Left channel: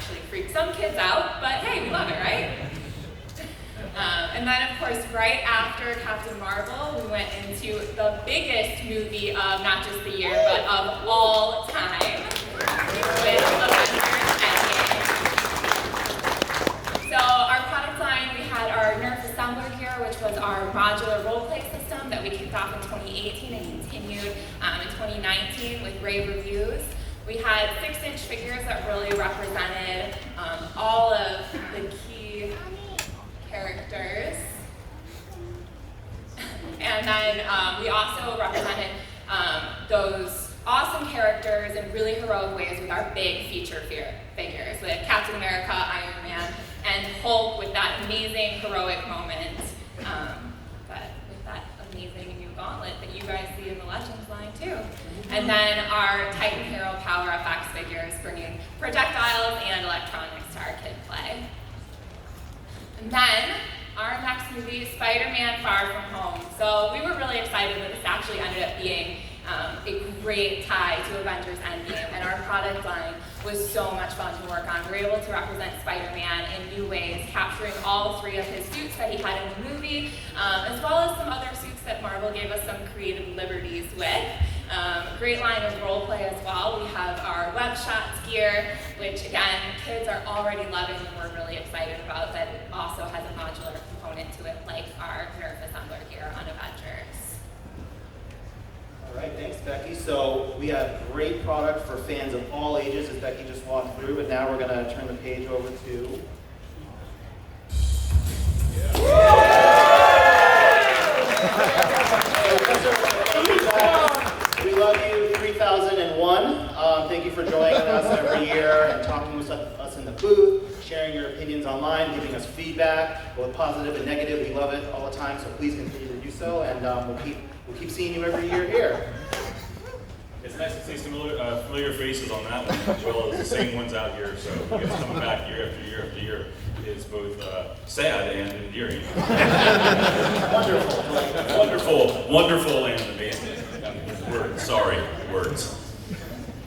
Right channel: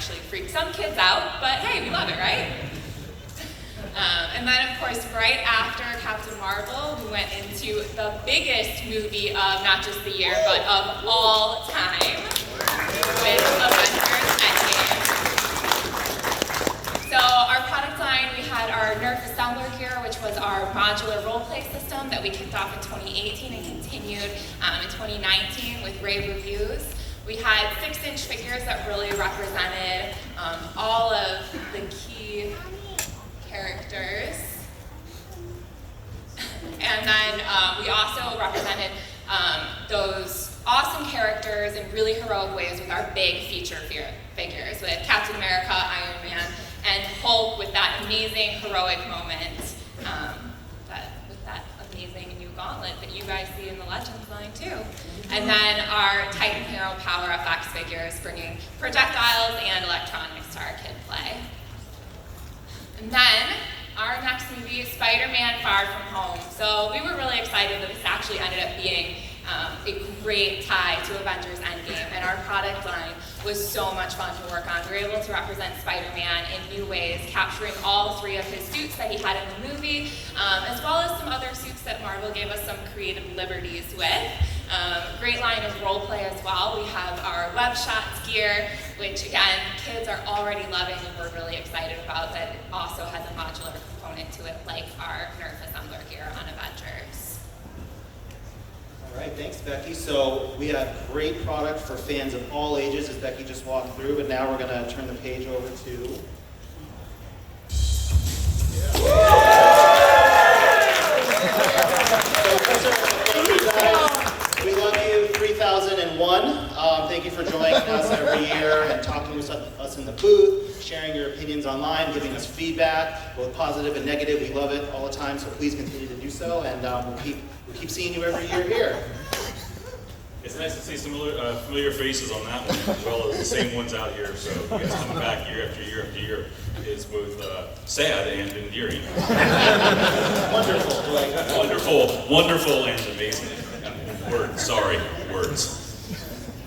actually freak some kids out, but hey, we love it, right? And then, of course, right after Captain Marvel, we went into the biggest movie of not just the year, but of all time, with Avengers Endgame. So our product line, we had our Nerf assembler gear, which was our modular role-play system that we kicked off in 2018 and continued in 2019 with rave reviews. We had 6-inch figures that really represented all of the key characters. And then we also represented those awesome characters in really heroic ways with our big feature figures, with Captain America, Iron Man, and Hulk with that amazing heroic moment. With that amazing new gauntlet that you guys see in the Legends line too. And then our Titan Hero Power FX figures, bringing projectiles and electronics to our kid play. And then our next movie is Spider-Man Far From Home. So we were really excited that this actually ended up being a great tie to Avengers Endgame, and our product line was so much fun to work on. We were able to represent Spider-Man in new ways, capturing all 3 of his suits that he had in the movie, as well as some other suits that Marvel gave us some creative liberties with. Great line of role play as well. We have our web shots gear, which again, kids are already loving and we're really excited about, but it also has a modular component to it, like our Nerf assembler gear on Avengers. All right, thanks, Becky. So we have great product for fans of all ages, as Becky just walked through, but now we're going to turn the page over to... We love you, 3001. Thank you for joining us every year and talking with us in the booth, sharing your opinions online, giving us feedback, both positive and negative. We love it all the time, so please continue to do so, and we'll keep seeing you every year here. It's nice to see some familiar faces on that one, as well as the same ones out here. So you guys coming back year after year after year is both sad and endearing. Wonderful, and amazing. Words.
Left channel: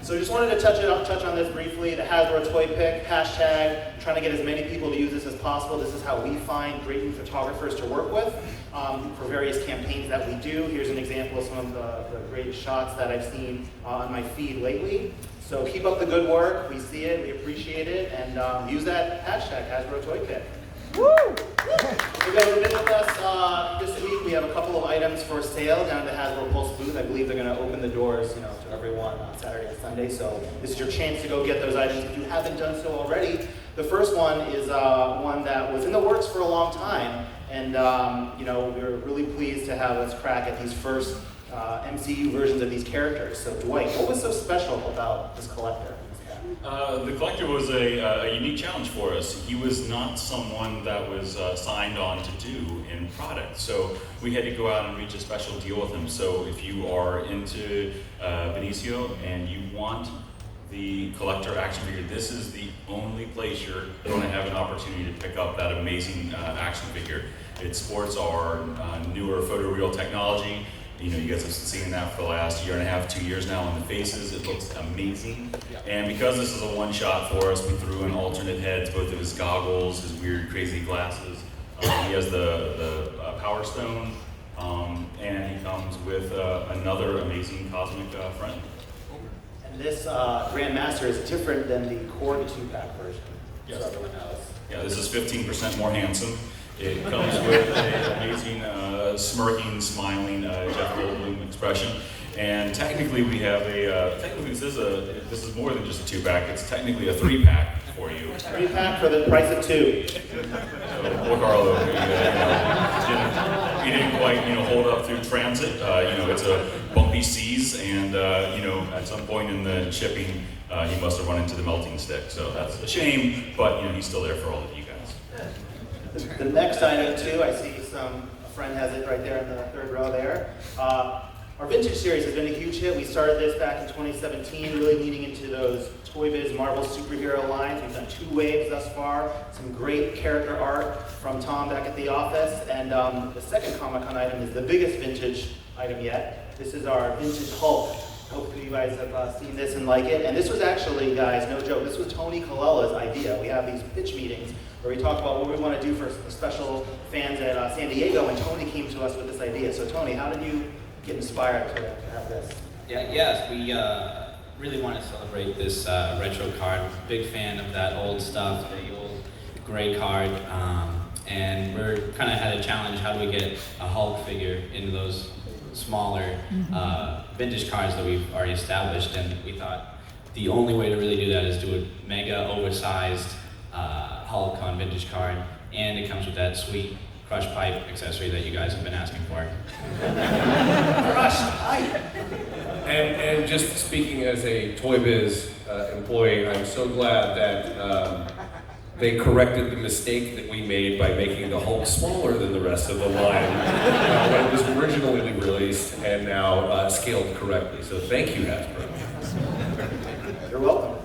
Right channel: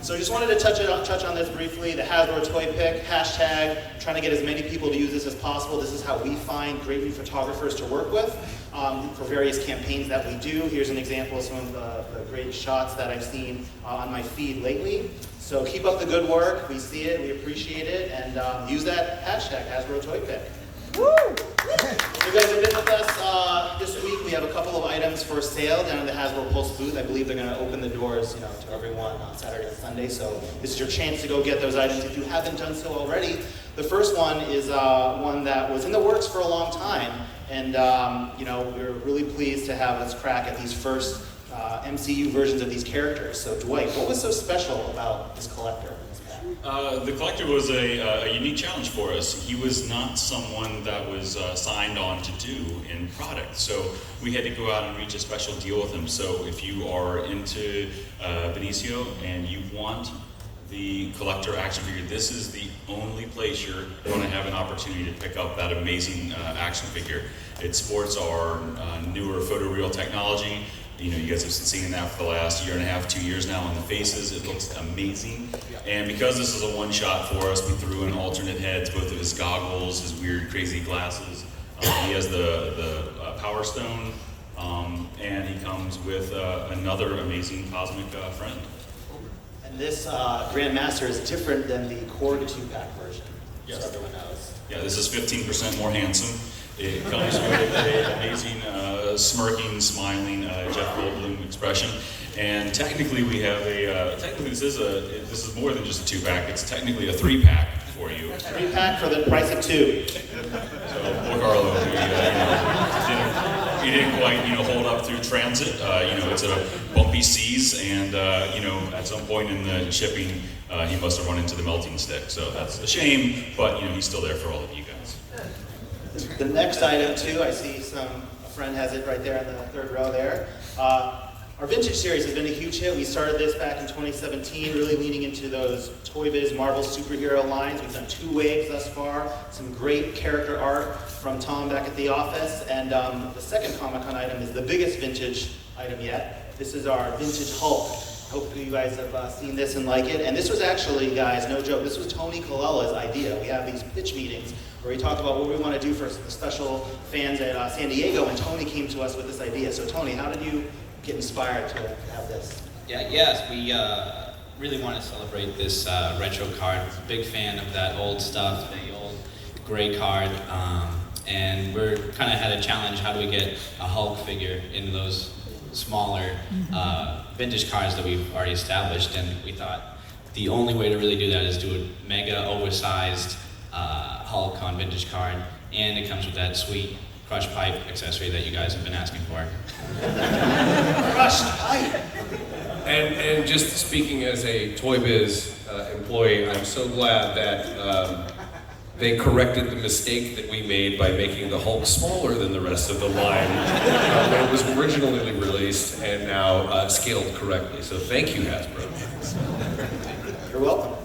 So just wanted to touch on this briefly. The Hasbro Toy Pick hashtag, trying to get as many people to use this as possible. This is how we find great new photographers to work with for various campaigns that we do. Here's an example of some of the great shots that I've seen on my feed lately. So keep up the good work. We see it, we appreciate it, and use that hashtag, Hasbro Toy Pick. Woo! You guys have been with us this week. We have a couple of items for sale down at the Hasbro Pulse booth. I believe they're going to open the doors, to everyone on Saturday and Sunday. So this is your chance to go get those items if you haven't done so already. The first one is one that was in the works for a long time, and we're really pleased to have us crack at these first MCU versions of these characters. So Dwight, what was so special about this collector? The collector was a unique challenge for us. He was not someone that was signed on to do in product, so we had to go out and reach a special deal with him. So if you are into Benicio and you want the collector action figure, this is the only place you're going to have an opportunity to pick up that amazing action figure. It sports our newer photoreal technology. You guys have been seeing that for the last year and a half, 2 years now on the faces. It looks amazing. And because this is a one-shot for us, we threw in alternate heads, both of his goggles, his weird, crazy glasses. He has the Power Stone, and he comes with another amazing cosmic friend. And this Grandmaster is different than the Cord 2-pack version. Yes. So everyone knows. Yeah, this is 15% more handsome. It comes with an amazing smirking, smiling Jeff Goldblum expression. And technically we have this is more than just a 2-pack, it's technically a 3-pack for you. 3-pack for the price of 2. So, look, Arlo, you didn't quite, hold up through transit. It's a bumpy seas, and at some point in the shipping, he must have run into the melting stick. So that's a shame, but he's still there for all of you guys. The next item too, I see a friend has it right there in the third row there. Our vintage series has been a huge hit. We started this back in 2017, really leaning into those Toy Biz Marvel superhero lines. We've done 2 waves thus far. Some great character art from Tom back at the office. And the second Comic-Con item is the biggest vintage item yet. This is our vintage Hulk. Hopefully you guys have seen this and like it. And this was actually, guys, no joke, this was Tony Colella's idea. We have these pitch meetings where we talk about what we want to do for the special fans at San Diego, and Tony came to us with this idea. So Tony, how did you get inspired to have this? Yes, we really want to celebrate this retro card. Big fan of that old stuff, the old gray card. And we're kind of had a challenge, how do we get a Hulk figure in those smaller vintage cards that we've already established, and we thought the only way to really do that is do a mega oversized Hulk on vintage card, and it comes with that sweet crushed pipe accessory that you guys have been asking for. Crushed pipe! And just speaking as a Toy Biz employee, I'm so glad that they corrected the mistake that we made by making the Hulk smaller than the rest of the line when it was originally released and now scaled correctly. So thank you, Hasbro. You're welcome.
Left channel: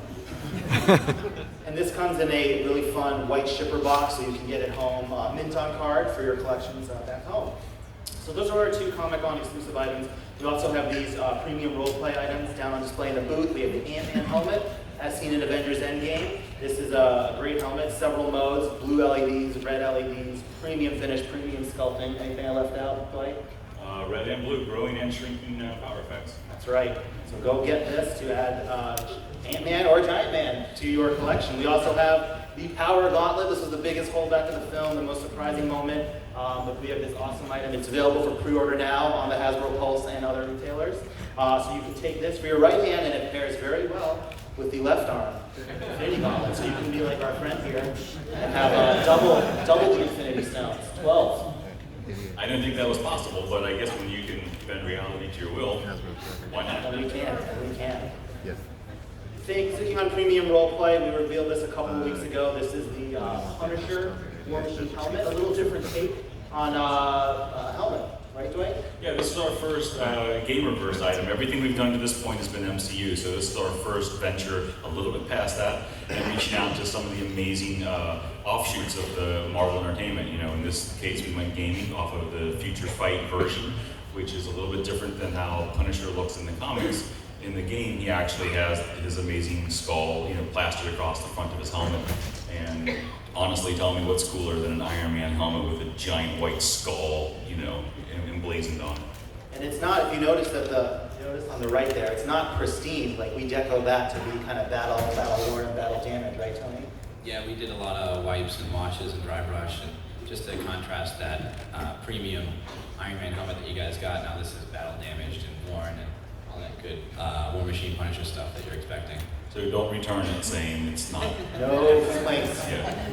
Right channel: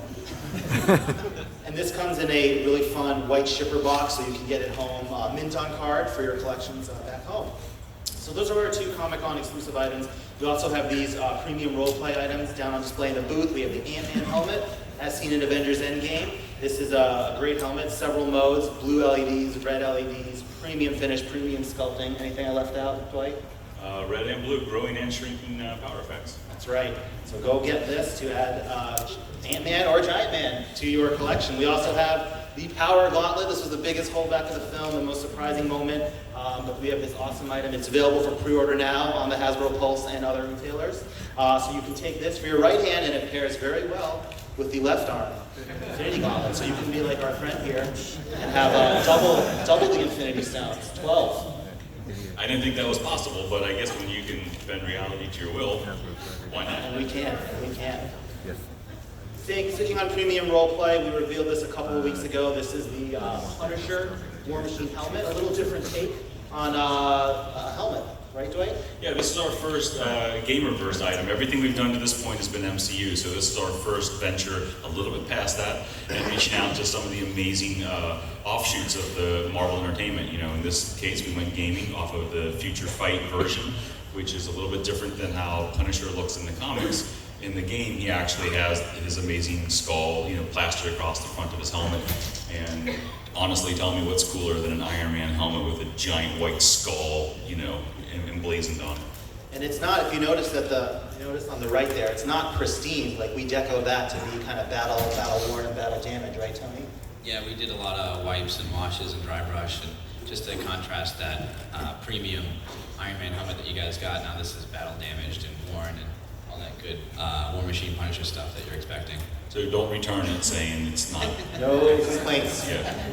And this comes in a really fun white shipper box, so you can get it home mint on card for your collections back home. So those are our two Comic-Con exclusive items. We also have these premium role-play items down on display in the booth. We have the Ant-Man helmet, as seen in Avengers Endgame. This is a great helmet, several modes, blue LEDs, red LEDs, premium finish, premium sculpting. Anything I left out, Dwight? Red and blue, growing and shrinking power effects. That's right. So go get this to add Ant-Man or Giant Man to your collection. We also have the Power Gauntlet. This was the biggest holdback of the film, the most surprising moment. But we have this awesome item. It's available for pre-order now on the Hasbro Pulse and other retailers. So you can take this for your right hand, and it pairs very well with the left arm Infinity Gauntlet. So you can be like our friend here and have double the Infinity Stones, 12. I didn't think that was possible, but I guess when you can bend reality to your will, why not? And we can. Sticking on premium roleplay, we revealed this a couple of weeks ago. This is the Punisher War Machine helmet, a little different take on a helmet, right, Dwight? Yeah, this is our first Gamerverse item. Everything we've done to this point has been MCU, so this is our first venture a little bit past that and reaching out to some of the amazing offshoots of the Marvel Entertainment. You know, in this case, we went gaming off of the Future Fight version, which is a little bit different than how Punisher looks in the comics. In the game, he actually has his amazing skull, you know, plastered across the front of his helmet. And honestly, tell me what's cooler than an Iron Man helmet with a giant white skull, you know, emblazoned on it. And it's not, if you notice on the right there, it's not pristine. Like we decoed that to be kind of battle worn and battle damaged, right, Tony? Yeah, we did a lot of wipes and washes and dry brush, and just to contrast that premium Iron Man helmet that you guys got. Now this is battle damaged and worn and all that good War Machine Punisher stuff that you're expecting. So don't return it saying it's not. No complaints. Yeah.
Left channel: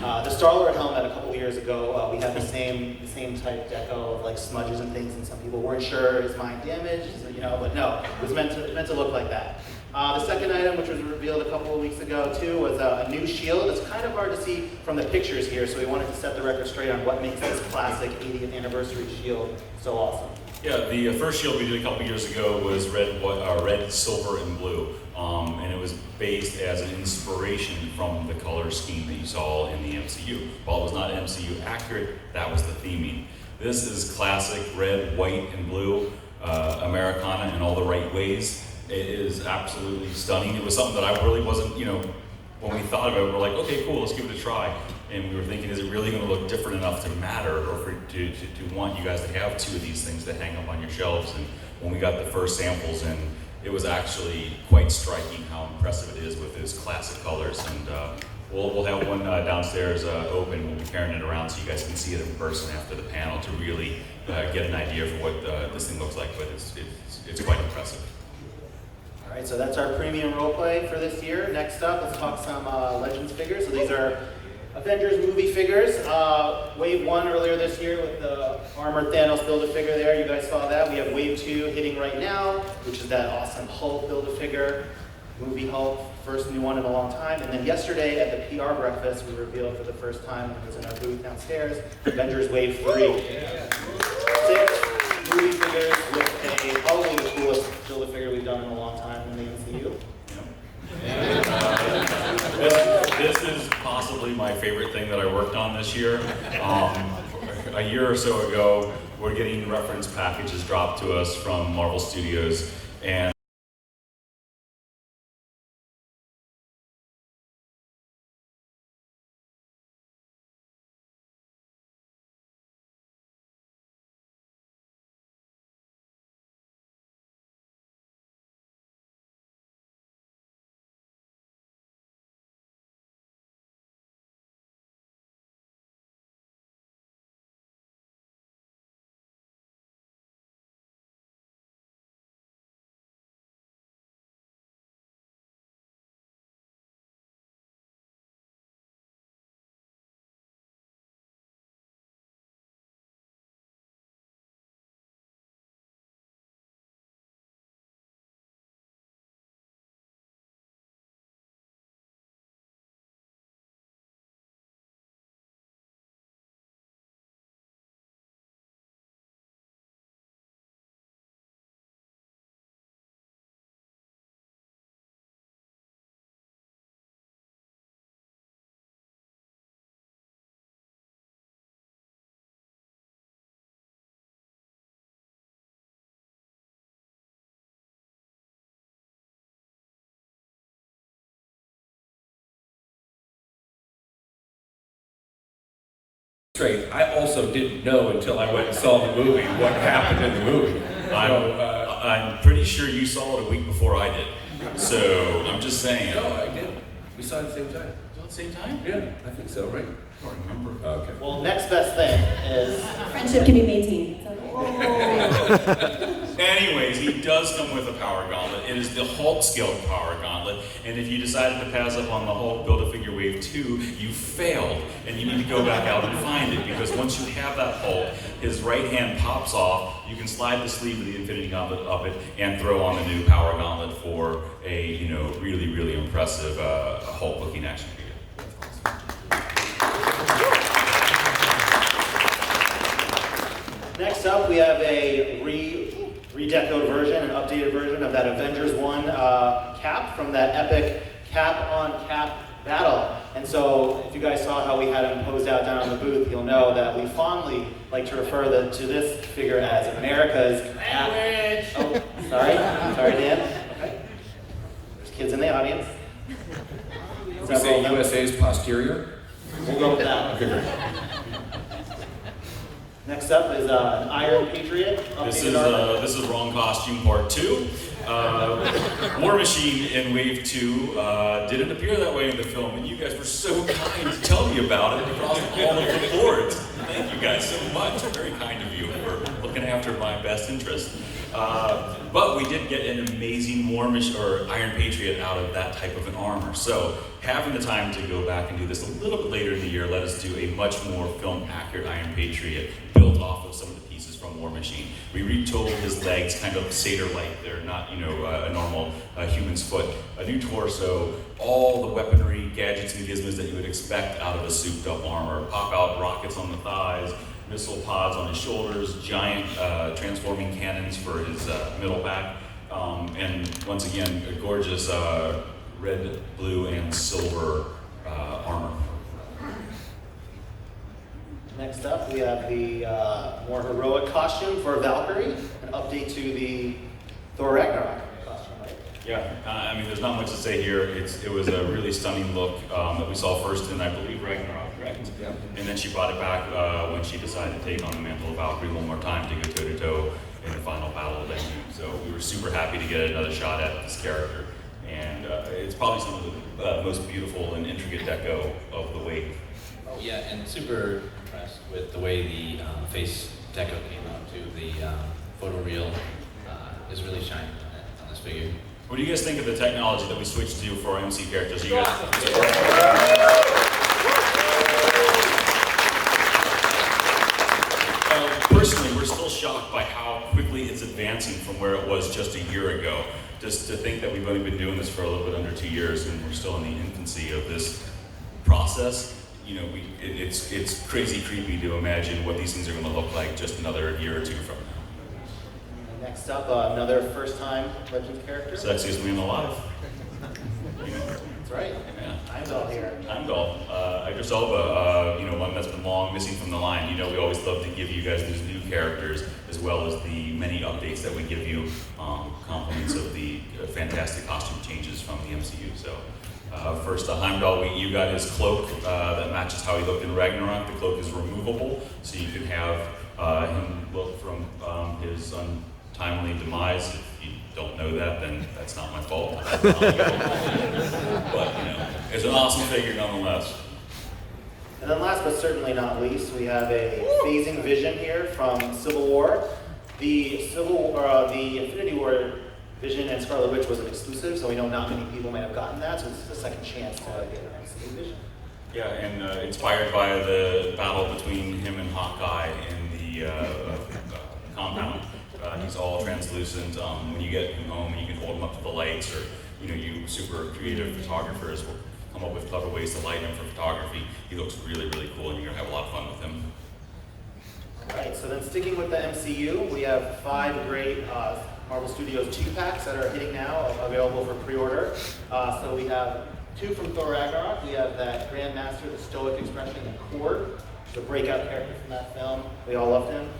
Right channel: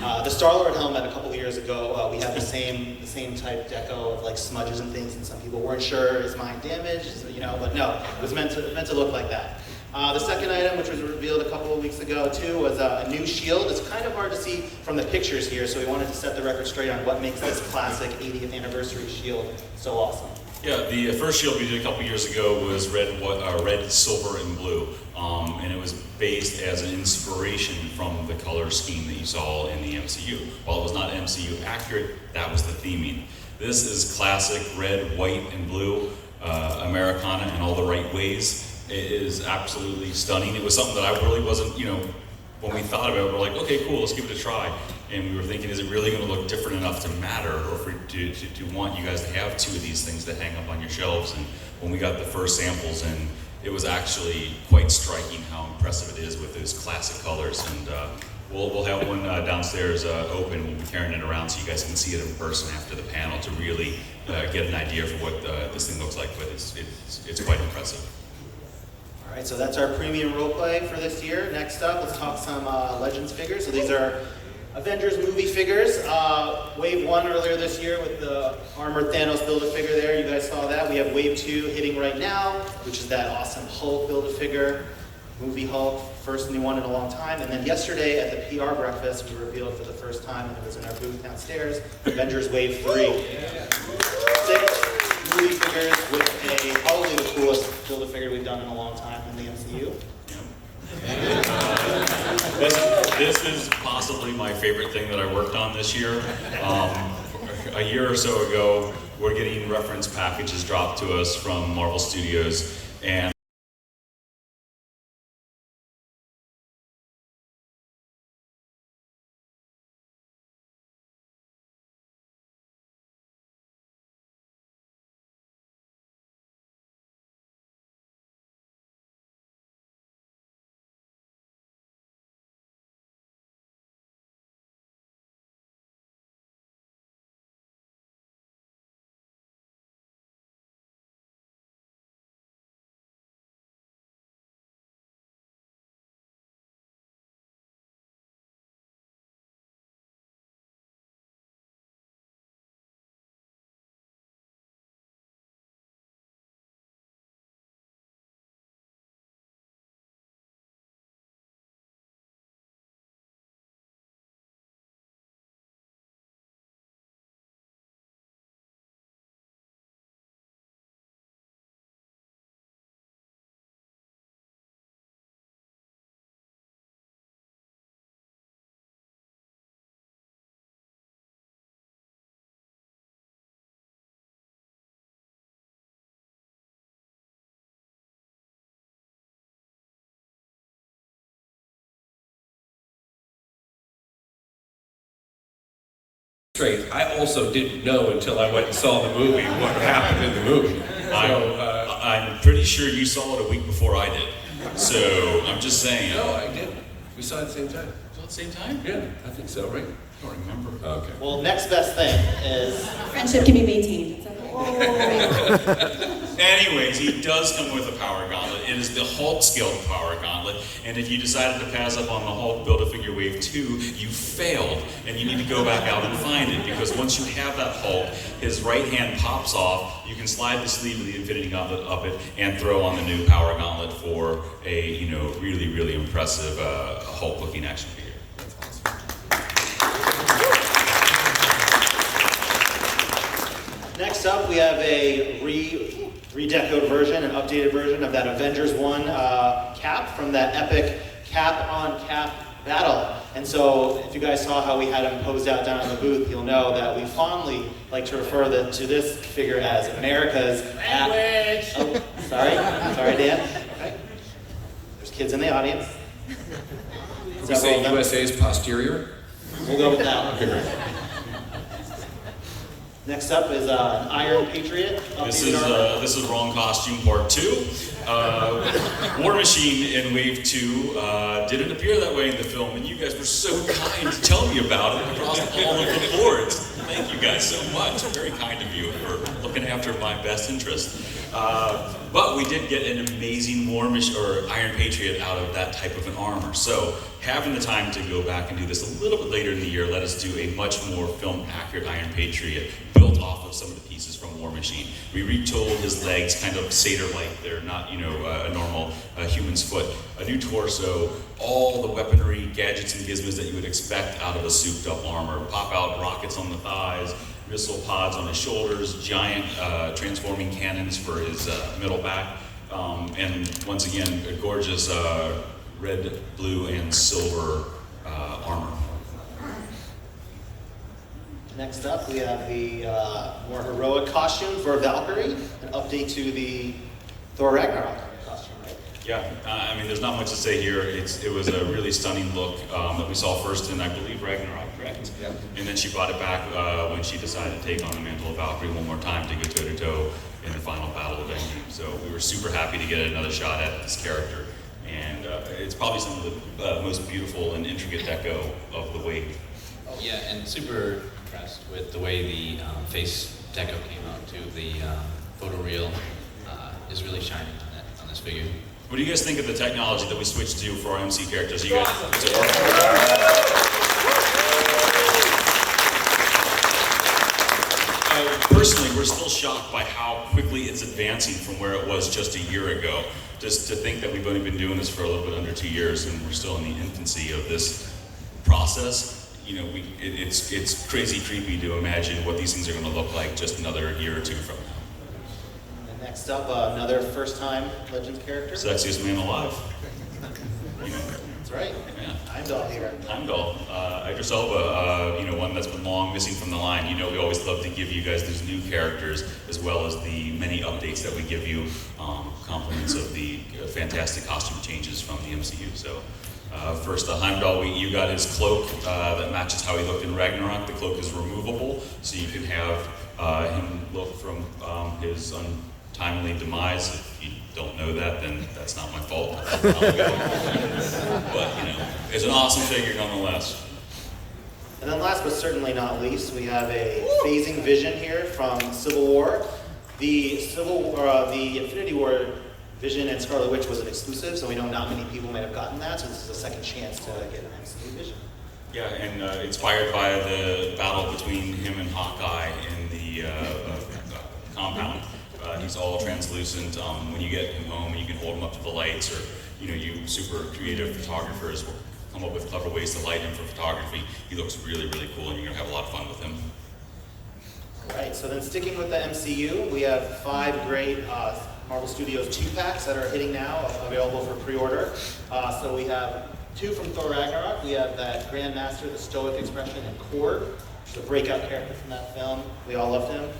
The Star-Lord helmet a couple of years ago, we had the same type deco of like smudges and things, and some people weren't sure, is mine damaged, you know, but no, it was meant to look like that. The second item, which was revealed a couple of weeks ago too, was a new shield. It's kind of hard to see from the pictures here, so we wanted to set the record straight on what makes this classic 80th anniversary shield so awesome. Yeah, the first shield we did a couple years ago was red, silver, and blue. And it was based as an inspiration from the color scheme that you saw in the MCU. While it was not MCU accurate, that was the theming. This is classic red, white, and blue, Americana in all the right ways. It is absolutely stunning. It was something that I really wasn't, you know, when we thought about it, we're like, okay, cool, let's give it a try. And we were thinking, is it really going to look different enough to matter, or to want you guys to have two of these things to hang up on your shelves? And when we got the first samples in, it was actually quite striking how impressive it is with his classic colors. And we'll have one downstairs open. We'll be carrying it around so you guys can see it in person after the panel to really get an idea for what this thing looks like. But it's quite impressive. All right, so that's our premium roleplay for this year. Next up, let's talk some Legends figures. So these are Avengers movie figures. Wave 1 earlier this year with the armored Thanos Build-A-Figure there. You guys saw that. We have Wave 2 hitting right now, which is that awesome Hulk Build-A-Figure, movie Hulk, first new one in a long time. And then yesterday at the PR breakfast, we revealed for the first time, it was in our booth downstairs, Avengers Wave 3. 6 movie figures with probably the coolest Build-A-Figure we've done in a long time in the MCU. This is possibly my favorite thing that I worked on this year. A year or so ago, we're getting reference packages dropped to us from Marvel Studios, and straight. I also didn't know until I went and saw the movie what happened in the movie. I'm pretty sure you saw it a week before I did. So I'm just saying. No, I did. We saw it at the same time. At the same time? Yeah, I think so, right? I don't remember. Okay. Well, next best thing is... Friendship can be maintained. Anyways, he does come with a power gauntlet. It is the Hulk scaled power gauntlet. And if you decided to pass up on the Hulk Build-A-Figure Wave 2, you failed. And you need to go back out and find it. Because once you have that Hulk, his right hand pops off. You can slide the sleeve of the Infinity Gauntlet up it and throw on the new power gauntlet for a really, really impressive Hulk-looking action figure. Next up, we have a redecoed version, an updated version of that Avengers 1 cap from that epic cap-on-cap battle. And so, if you guys saw how we had him posed out down on the booth, you'll know that we fondly like to refer to this figure as America's cap. Oh, sorry, Dan. Okay. There's kids in the audience. We say USA's posterior? We'll go with that. Okay, great. Next up is an Iron Patriot. This is Wrong Costume Part 2. War Machine in Wave 2 didn't appear that way in the film, and you guys were so kind to tell me about it across all of the boards. Thank you guys so much. Very kind of you for looking after my best interest. But we did get an amazing War Machine or Iron Patriot out of that type of an armor. So having the time to go back and do this a little bit later in the year, let us do a much more film-accurate Iron Patriot built off of some of the pieces from War Machine. We retooled his legs, kind of satyr-like. They're not, a normal human's foot. A new torso, all the weaponry, gadgets, and gizmos that you would expect out of a souped-up armor. Pop-out rockets on the thighs, missile pods on his shoulders, giant transforming cannons for his middle back, and once again, a gorgeous red, blue, and silver armor. Next up, we have the more heroic costume for Valkyrie, an update to the Thor Ragnarok costume, right? Yeah, I mean, there's not much to say here. It was a really stunning look that we saw first in, I believe, Ragnarok, correct? Yeah. And then she brought it back when she decided to take on the mantle of Valkyrie one more time to go toe-to-toe in the final battle of Endgame. So we were super happy to get another shot at this character. And it's probably some of the most beautiful and intricate deco of the wave. Oh yeah, and super impressed with the way the face deco came out too. The photoreal is really shining on this figure. What do you guys think of the technology that we switched to for our MC characters? You guys? Personally, we're still shocked by how quickly it's advancing from where it was just a year ago. Just to think that we've only been doing this for a little bit under 2 years, and we're still in the infancy of this process. It's crazy creepy to imagine what these things are going to look like just another year or two from now. And next up, another first-time Legends character. Sexiest man alive. That's right. Yeah. Heimdall here. Heimdall, Idris Elba, one that's been long missing from the line. We always love to give you guys those new characters as well as the many updates that we give you, compliments of the fantastic costume changes from the MCU. So first, Heimdall, you got his cloak that matches how he looked in Ragnarok. The cloak is removable, so you can have him look from his untimely demise. If you don't know that, then that's not my fault. But, it's an awesome figure nonetheless. And then last but certainly not least, we have a phasing Vision here from Civil War. The Infinity War Vision and Scarlet Witch was an exclusive, so we know not many people might have gotten that, so this is a second chance to get an MCU Vision. Yeah, and inspired by the battle between him and Hawkeye in the compound. He's all translucent. When you get him home, you can hold him up to the lights, or you super creative photographers will come up with clever ways to light him for photography. He looks really, really cool, and you're gonna have a lot of fun with him. All right, so then sticking with the MCU, we have 5 great Marvel Studios 2-packs that are hitting now, available for pre-order. So we have 2 from Thor Ragnarok. We have that Grandmaster, the Stoic Expression, and Korg, the breakout character from that film. We all loved him.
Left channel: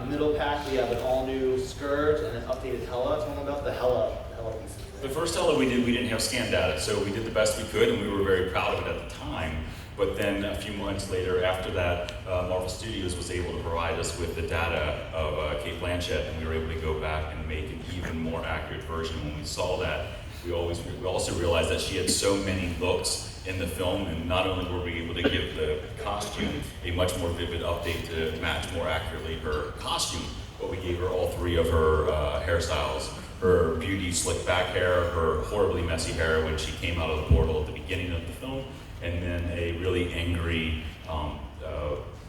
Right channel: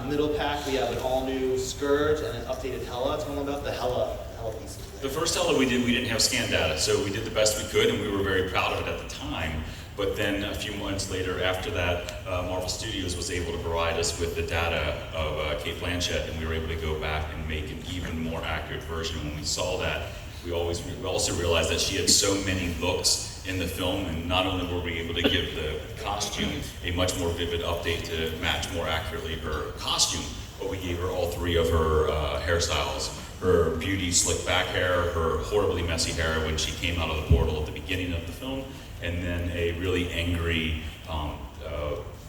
In the middle pack, we have an all-new Scourge and an updated Hela. Tell them about the Hela Tell pieces The there. first Ella we didn't have scan data, so we did the best we could, and we were very proud of it at the time. But then a few months later, after that, Marvel Studios was able to provide us with the data of Kate Blanchett, and we were able to go back and make an even more accurate version. When we saw that, we also realized that she had so many looks in the film, and not only were we able to give the costume a much more vivid update to match more accurately her costume, but we gave her all three of her hairstyles. Her beauty slick back hair, her horribly messy hair when she came out of the portal at the beginning of the film, and then a really angry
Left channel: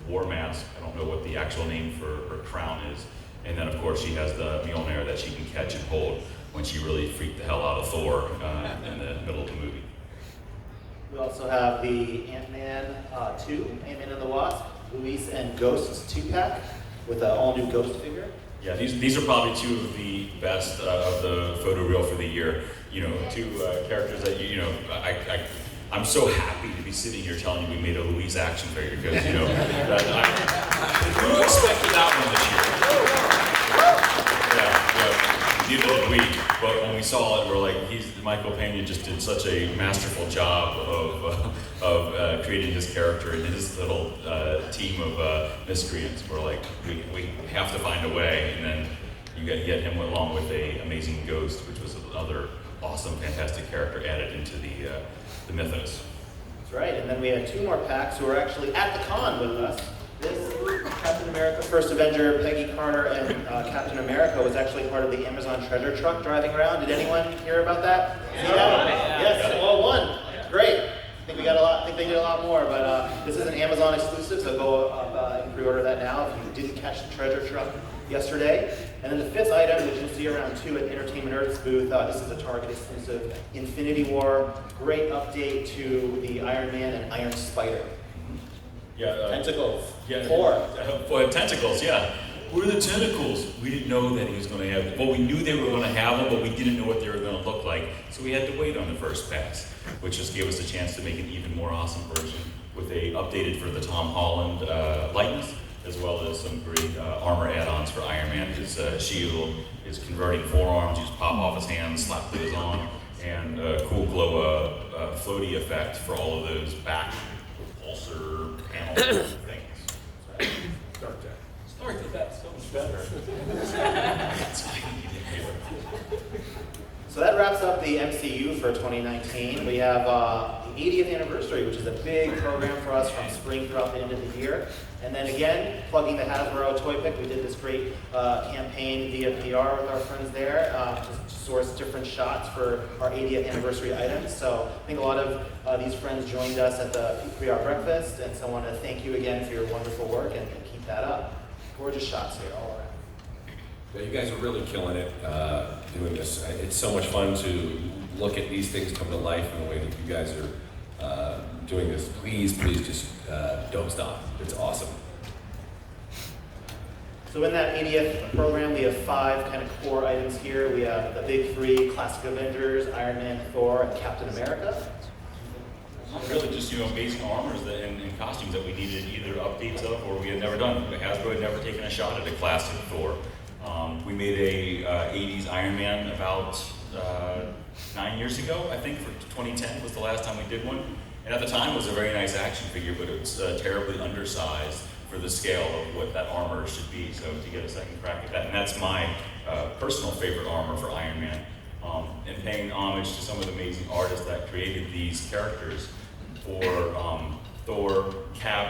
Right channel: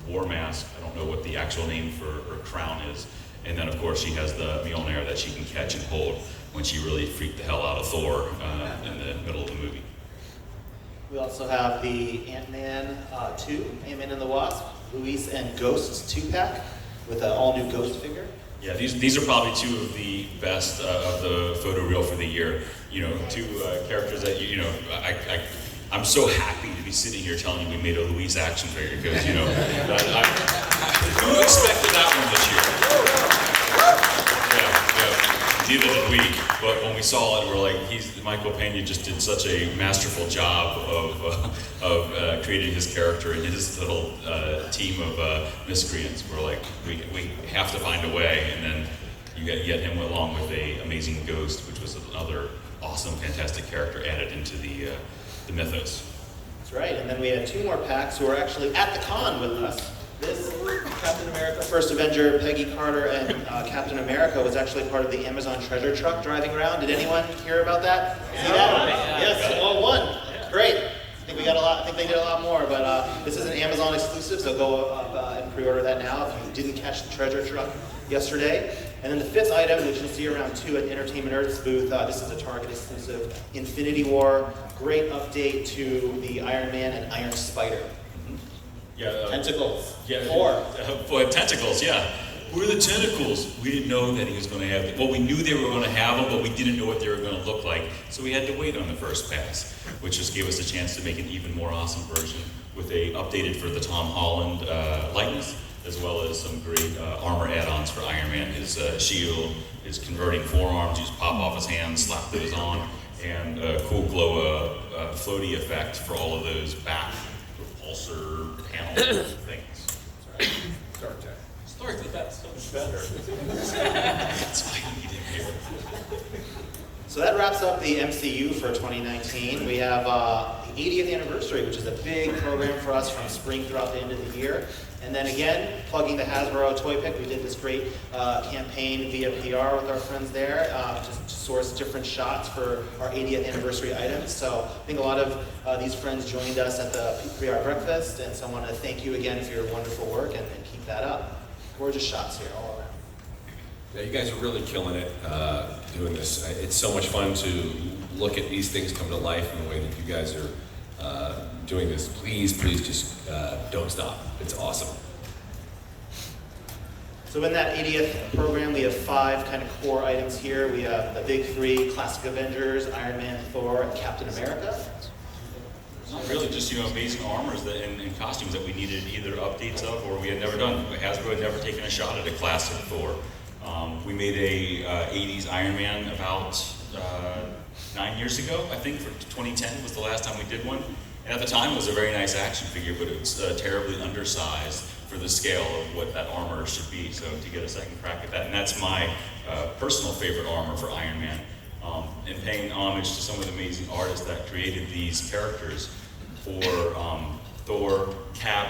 war mask. I don't know what the actual name for her crown is. And then of course she has the Mjolnir that she can catch and hold when she really freaked the hell out of Thor in the middle of the movie. We also have the Ant-Man 2, Ant-Man and the Wasp, Luis and Ghost's 2-pack with an all-new Ghost figure. Yeah, these are probably two of the best of the photo reel for the year. You know, two characters that I'm so happy to be sitting here telling you we made a Louise action figure because who expected that one this year? Neither did we. But when we saw it, we're like, Michael Pena just did such a masterful job of creating his character and his little team of miscreants. We're like, we have to find a way, and then you get him along with a amazing Ghost, which was another awesome, fantastic character added into the mythos. That's right, and then we had 2 more packs who are actually at the con with us. This Captain America, First Avenger, Peggy Carter, and Captain America was actually part of the Amazon treasure truck driving around. Did anyone hear about that? See that? Yes, well, one. Great. I think we got a lot. I think they did a lot more, but this is an Amazon exclusive, so go up and pre-order that now if you didn't catch the treasure truck yesterday. And then the 5th item, which you'll see around 2 at Entertainment Earth's booth, this is a Target exclusive, Infinity War. Great update to the Iron Man and Iron Spider. Yeah, Tentacles. Yeah, 4. Tentacles. Yeah. What are the tentacles? We didn't know that he was going to have them. Well, we knew they were going to have them, but we didn't know what they were going to look like. So we had to wait on the first pass, which just gave us a chance to make an even more awesome version with a updated for the Tom Holland likeness, as well as some great armor add-ons for Iron Man. His shield, his converting forearms, you just pop off his hands, slap those on, and a cool glow floaty effect for all of those back repulsor panel things. That's right. Start with that, so much better. That's why you need it. So that wraps up the MCU for 2019. We have the 80th anniversary, which is a big program for us from spring throughout the end of the year. And then again, plugging the Hasbro Toy Pick, we did this great campaign via PR with our friends there to source different shots for our 80th anniversary items. So I think a lot of these friends joined us at the PR breakfast, and so I want to thank you again for your wonderful work and keep that up. Gorgeous shots here all around. Yeah, you guys are really killing it doing this. It's so much fun to look at these things come to life in the way that you guys are doing this. Please just don't stop. It's awesome. So in that 80th program, we have 5 kind of core items here. We have the big 3 classic Avengers, Iron Man, Thor, and Captain America. Really just, amazing armors and costumes that we needed either updates of or we had never done. Hasbro had never taken a shot at a classic Thor. We made a 80s Iron Man about 9 years ago, I think, for 2010 was the last time we did one. And at the time it was a very nice action figure, but it was terribly undersized for the scale of what that armor should be. So to get a second crack at that, and that's my personal favorite armor for Iron Man. And paying homage to some of the amazing artists that created these characters for Thor, Cap,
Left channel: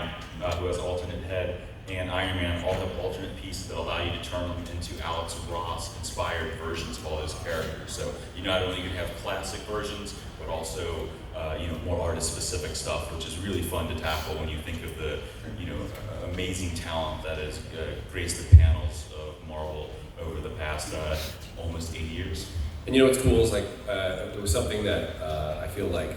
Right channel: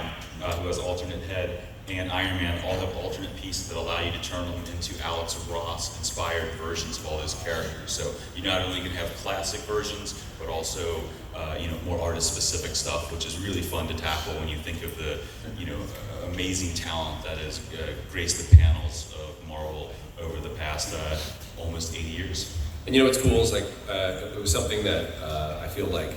who has alternate head, and Iron Man all have alternate pieces that allow you to turn them into Alex Ross inspired versions of all his characters. So you not only can have classic versions, but also more artist specific stuff, which is really fun to tackle when you think of the amazing talent that has graced the panels of Marvel over the past almost 80 years. And what's cool is it was something that I feel like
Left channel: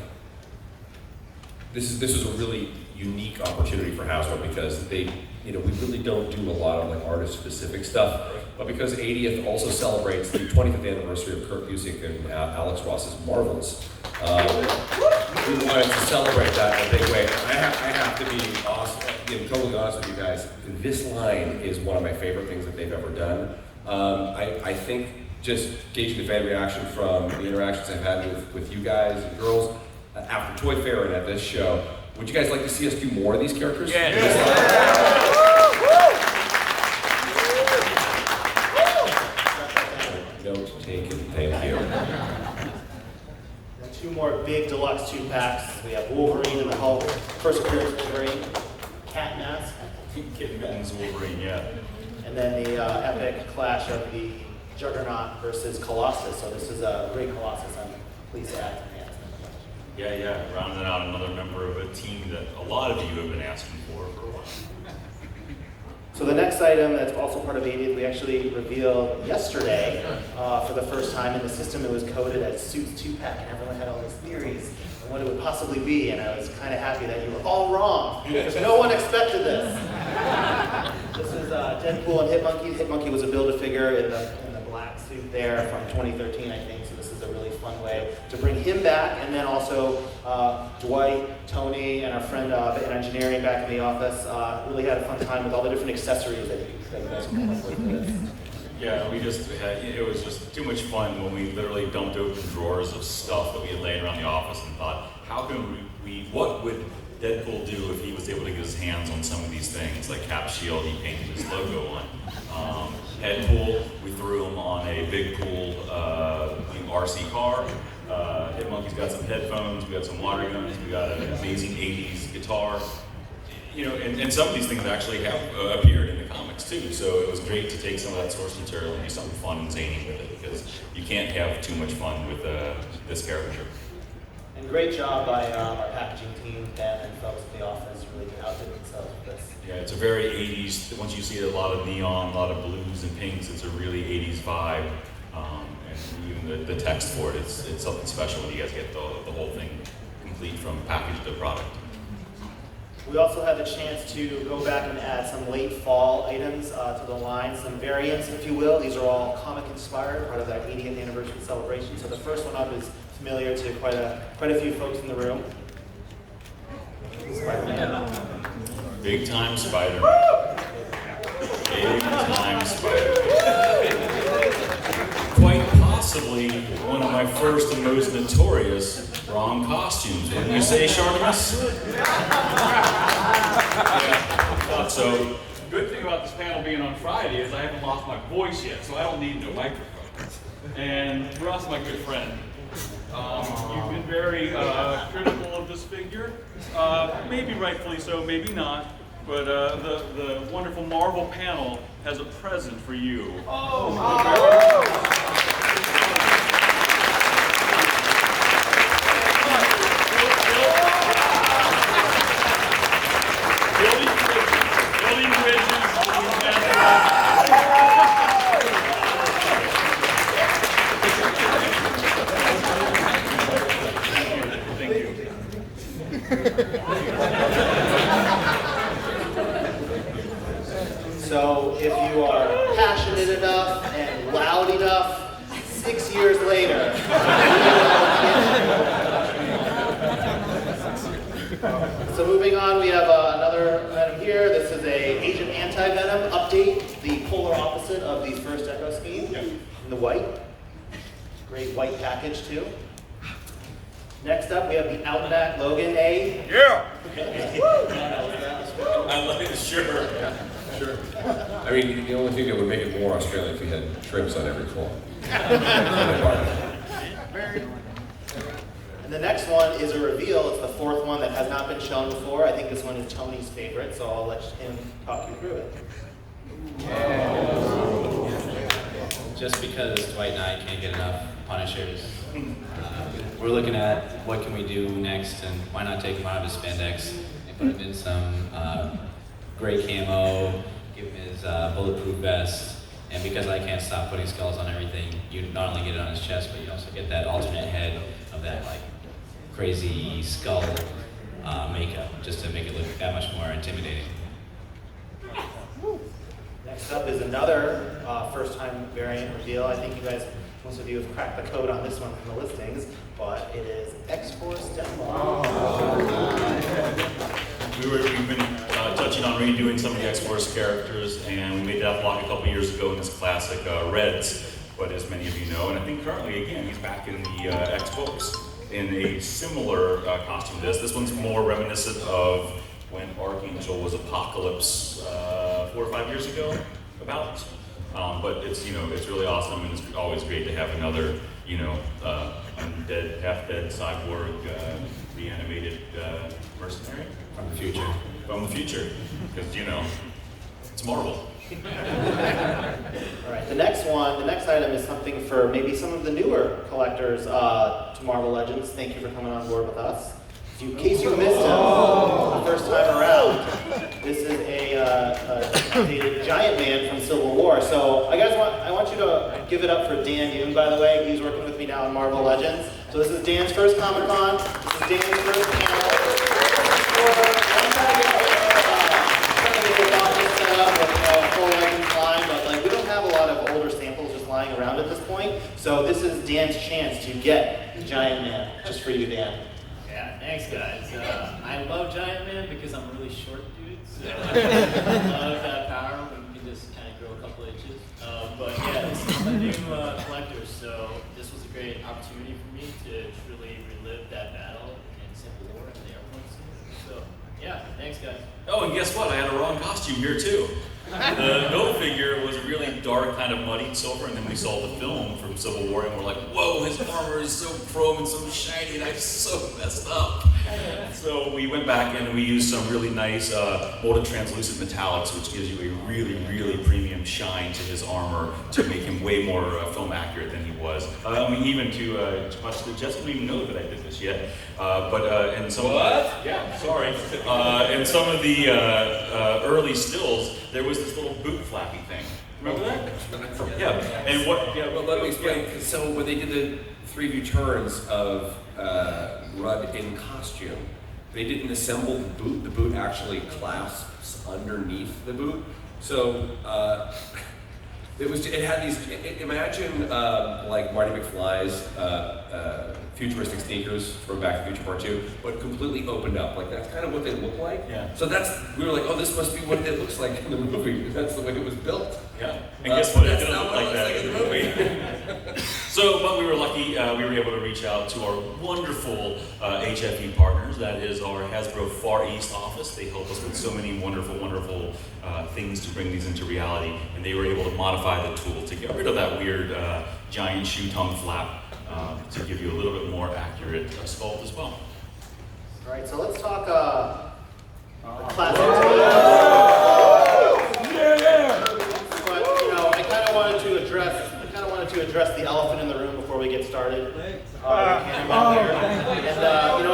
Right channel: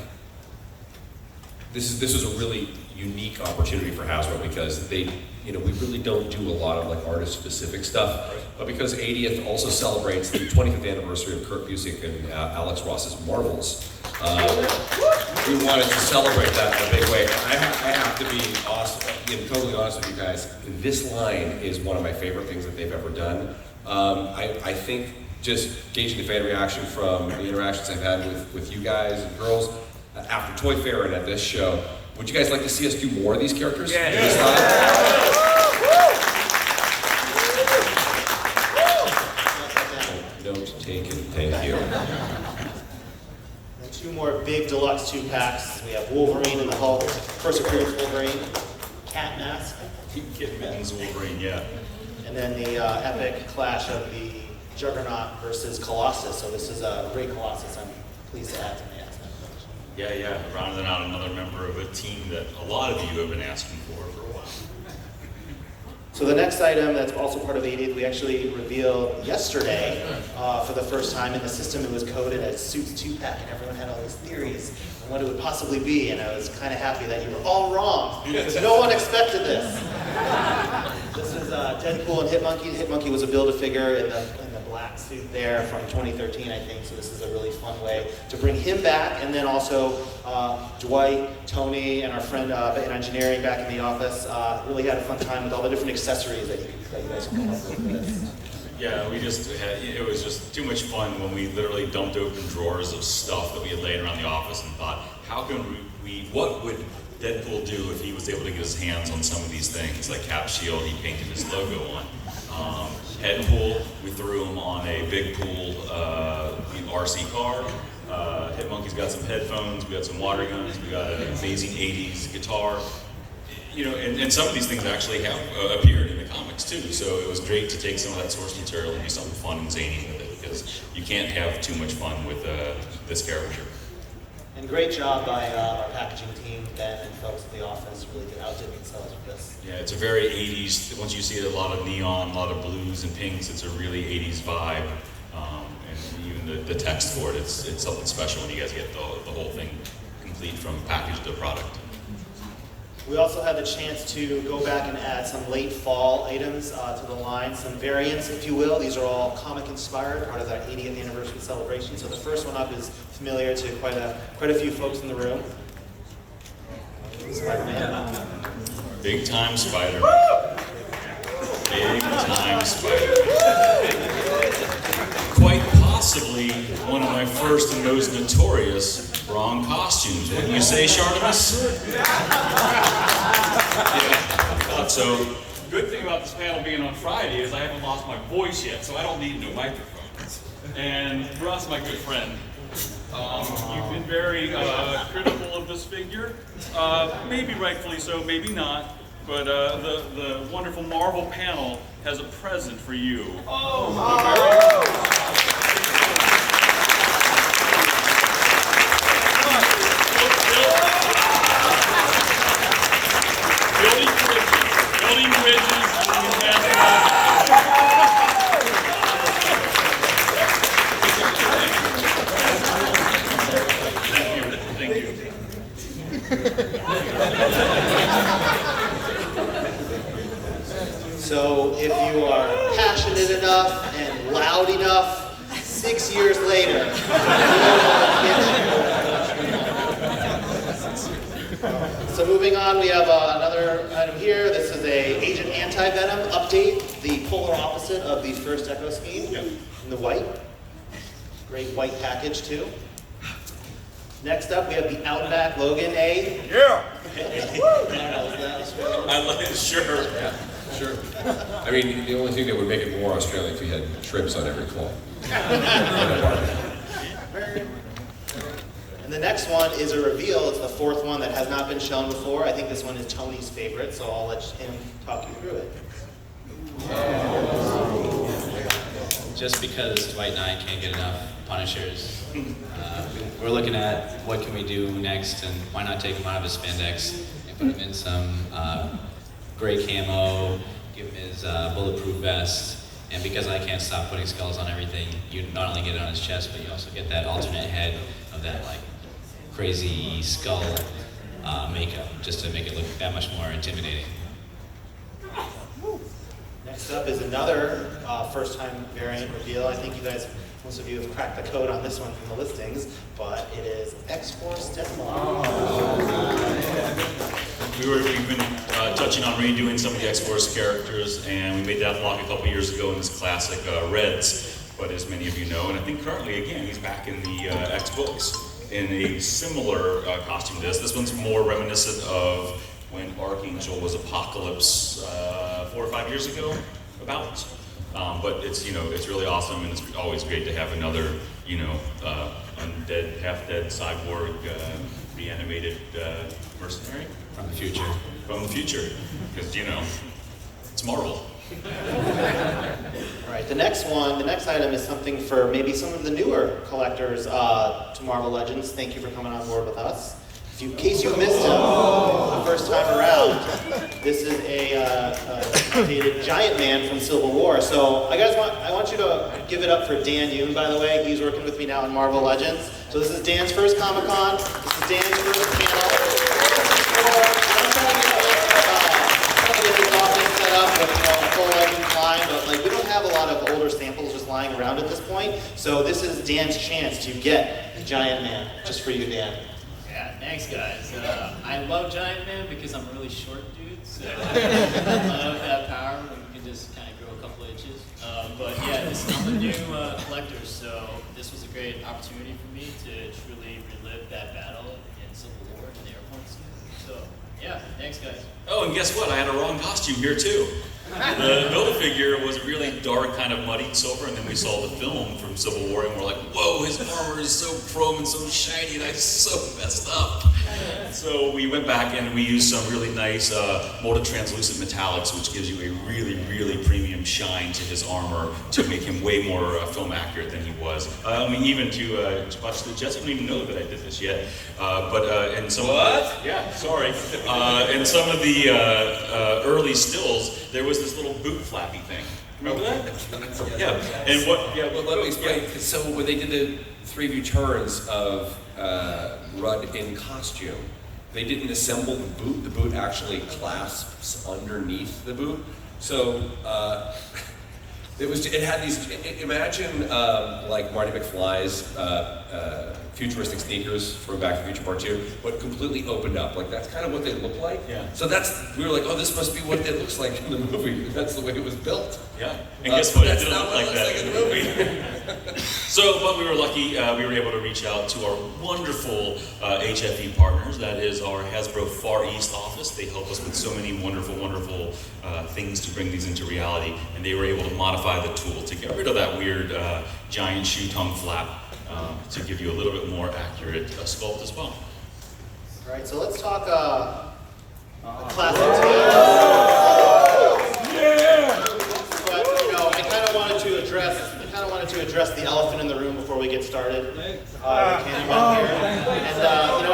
this was a really unique opportunity for Hasbro because we really don't do a lot of artist-specific stuff, but because 80th also celebrates the 20th anniversary of Kurt Busiek and Alex Ross's Marvels, we wanted to celebrate that in a big way. I have to be totally honest with you guys. This line is one of my favorite things that they've ever done. I think just gauging the fan reaction from the interactions I've had with you guys and girls after Toy Fair and at this show. Would you guys like to see us do more of these characters? Yeah. Note taken, thank you. Then two more big deluxe 2-packs. We have Wolverine and the Hulk. First appearance Wolverine, Cat Mask. Kid Mittens Wolverine, yeah. And then the epic clash of the Juggernaut versus Colossus. So this is a great Colossus. I'm pleased to add to the X-Men collection. Yeah, rounding out another member of a team that a lot of you have been asking for a while. So the next item that's also part of 80th, we actually revealed yesterday for the first time in the system. It was coded as Suits 2-pack, and everyone had all these theories on what it would possibly be, and I was kind of happy that you were all wrong. No one expected this. This is Deadpool and Hitmonkey. Hitmonkey was a Build-A-Figure in the black suit there from 2013, I think, so this is a really fun way to bring him back, and then also Dwight, Tony, and our friend in engineering back in the office really had a fun time with all the different accessories that you guys can come up with for this. Yeah, it was just too much fun when we literally dumped open drawers of stuff that we had laying around the office and thought, what would Deadpool do if he was able to get his hands on some of these things, like Cap Shield he painted his logo on. Head pool, we threw him on a big pool RC car. Hitmonkey's got some headphones, we got some water guns, we got an amazing 80s guitar. And some of these things actually have appeared in the comics too, so it was great to take some of that source material and do something fun and zany with it, because you can't have too much fun with this character. And great job by our packaging team, Ben and folks at the office, really outdid themselves with this. Yeah, it's a very 80s, once you see a lot of neon, a lot of blues and pinks, it's a really 80s vibe. And even the text for it, it's something special when you guys get the whole thing complete from package to product. We also had the chance to go back and add some late fall items to the line, some variants, if you will. These are all comic inspired, part of our 80th anniversary celebration. So the first one up is familiar to quite a few folks in the room. Spider-Man. Big time Spider-Man. Big time Spider-Man. Quite possibly one of my first and most notorious wrong costumes. Wouldn't you say, Shartimus? So, good thing about this panel being on Friday is I haven't lost my voice yet, so I don't need no microphone. And Ron's my good friend. You've been very critical of this figure. Maybe rightfully so, maybe not. But the wonderful Marvel panel has a present for you. Oh, Building bridges. Thank you. So if you are passionate enough and loud enough, 6 years later, So moving on, we have another item here. This is a Agent Anti-Venom update, the polar opposite of the first Echo scheme, in the white. Great white package too. Next up, we have the Outback Logan A. Yeah. I like it, sure. Sure. I mean, the only thing that would make it more Australian if we had shrimps on every claw. And the next one is a reveal. It's the fourth one that has not been shown before. I think this one is Tony's favorite, so I'll let him talk you through it. Just because Dwight and I can't get enough Punishers, we're looking at what can we do next, and why not take him out of his spandex and put him in some gray camo, give him his bulletproof vest, and because I can't stop putting skulls on everything, you not only get it on his chest, but you also get that alternate head of that like crazy skull makeup, just to make it look that much more intimidating. Next up is another first-time variant reveal. I think you guys, most of you have cracked the code on this one from the listings, but it is X-Force Demo. We've been touching on redoing some of the X-Force characters, and we made that vlog a couple years ago in this classic Reds but as many of you know, and I think currently, again, he's back in the X-Books in a similar costume to this. This one's more reminiscent of when Archangel was Apocalypse 4 or 5 years ago, about. But it's, it's really awesome, and it's always great to have another, undead, half-dead cyborg, reanimated mercenary. From the future. From the future, because, it's Marvel. All right, the next item is something for maybe some of the newer collectors to Marvel Legends. Thank you for coming on board with us. In case you missed him the first time around, this is a giant man from Civil War. So I want you to give it up for Dan Yoon, by the way. He's working with me now on Marvel Legends. So this is Dan's first Comic-Con. This is Dan's first panel. I'm trying to get this office set up with a full Legends line, but we don't have a lot of older samples just lying around at this point. So this is Dan's chance to get the giant man, just for you, Dan. Yeah, thanks guys. I love Giant Man because I'm a really short dude, so I love that power when you can just kind of grow a couple inches. But yeah, I'm a new collector, so this was a great opportunity for me to truly relive that battle in Civil War in the airport scene. So yeah, thanks guys. Oh, and guess what? I had a wrong costume here too. The Build-A-Figure was really dark, kind of muddied silver, and then we saw the film from Civil War, and we're like, whoa, his armor is so chrome and so shiny, that's so messed up. So we went back and we used some really nice molded translucent metallics, which gives you a really, really premium shine to his armor to make him way more film accurate than he was. Even to watch the Jets don't even know that I did this yet. And some in some of the early stills, there was this little boot flappy thing. Remember that? Yeah. And what? Yeah. Well, let me explain. So when they did the 3 returns of Rudd in costume, they didn't assemble the boot. The boot actually clasps underneath the boot. So it had these. Imagine like Marty McFly's futuristic sneakers from Back to the Future Part 2, but completely opened up. That's kind of what they look like. Yeah. So we were like, oh, this must be what it looks like in the movie. That's the way it was built. Yeah. And guess what? That's It didn't not look what like it looks that like in the movie. So, but we were lucky, we were able to reach out to our wonderful HFE partners. That is our Hasbro Far East office. They help us with so many wonderful, wonderful things to bring these into reality. And they were able to modify the tool to get rid of that weird giant shoe tongue flap to give you a little bit more accurate sculpt as well. All right, so let's talk classic today. But I kind of wanted to address the elephant in the room before we get started. And I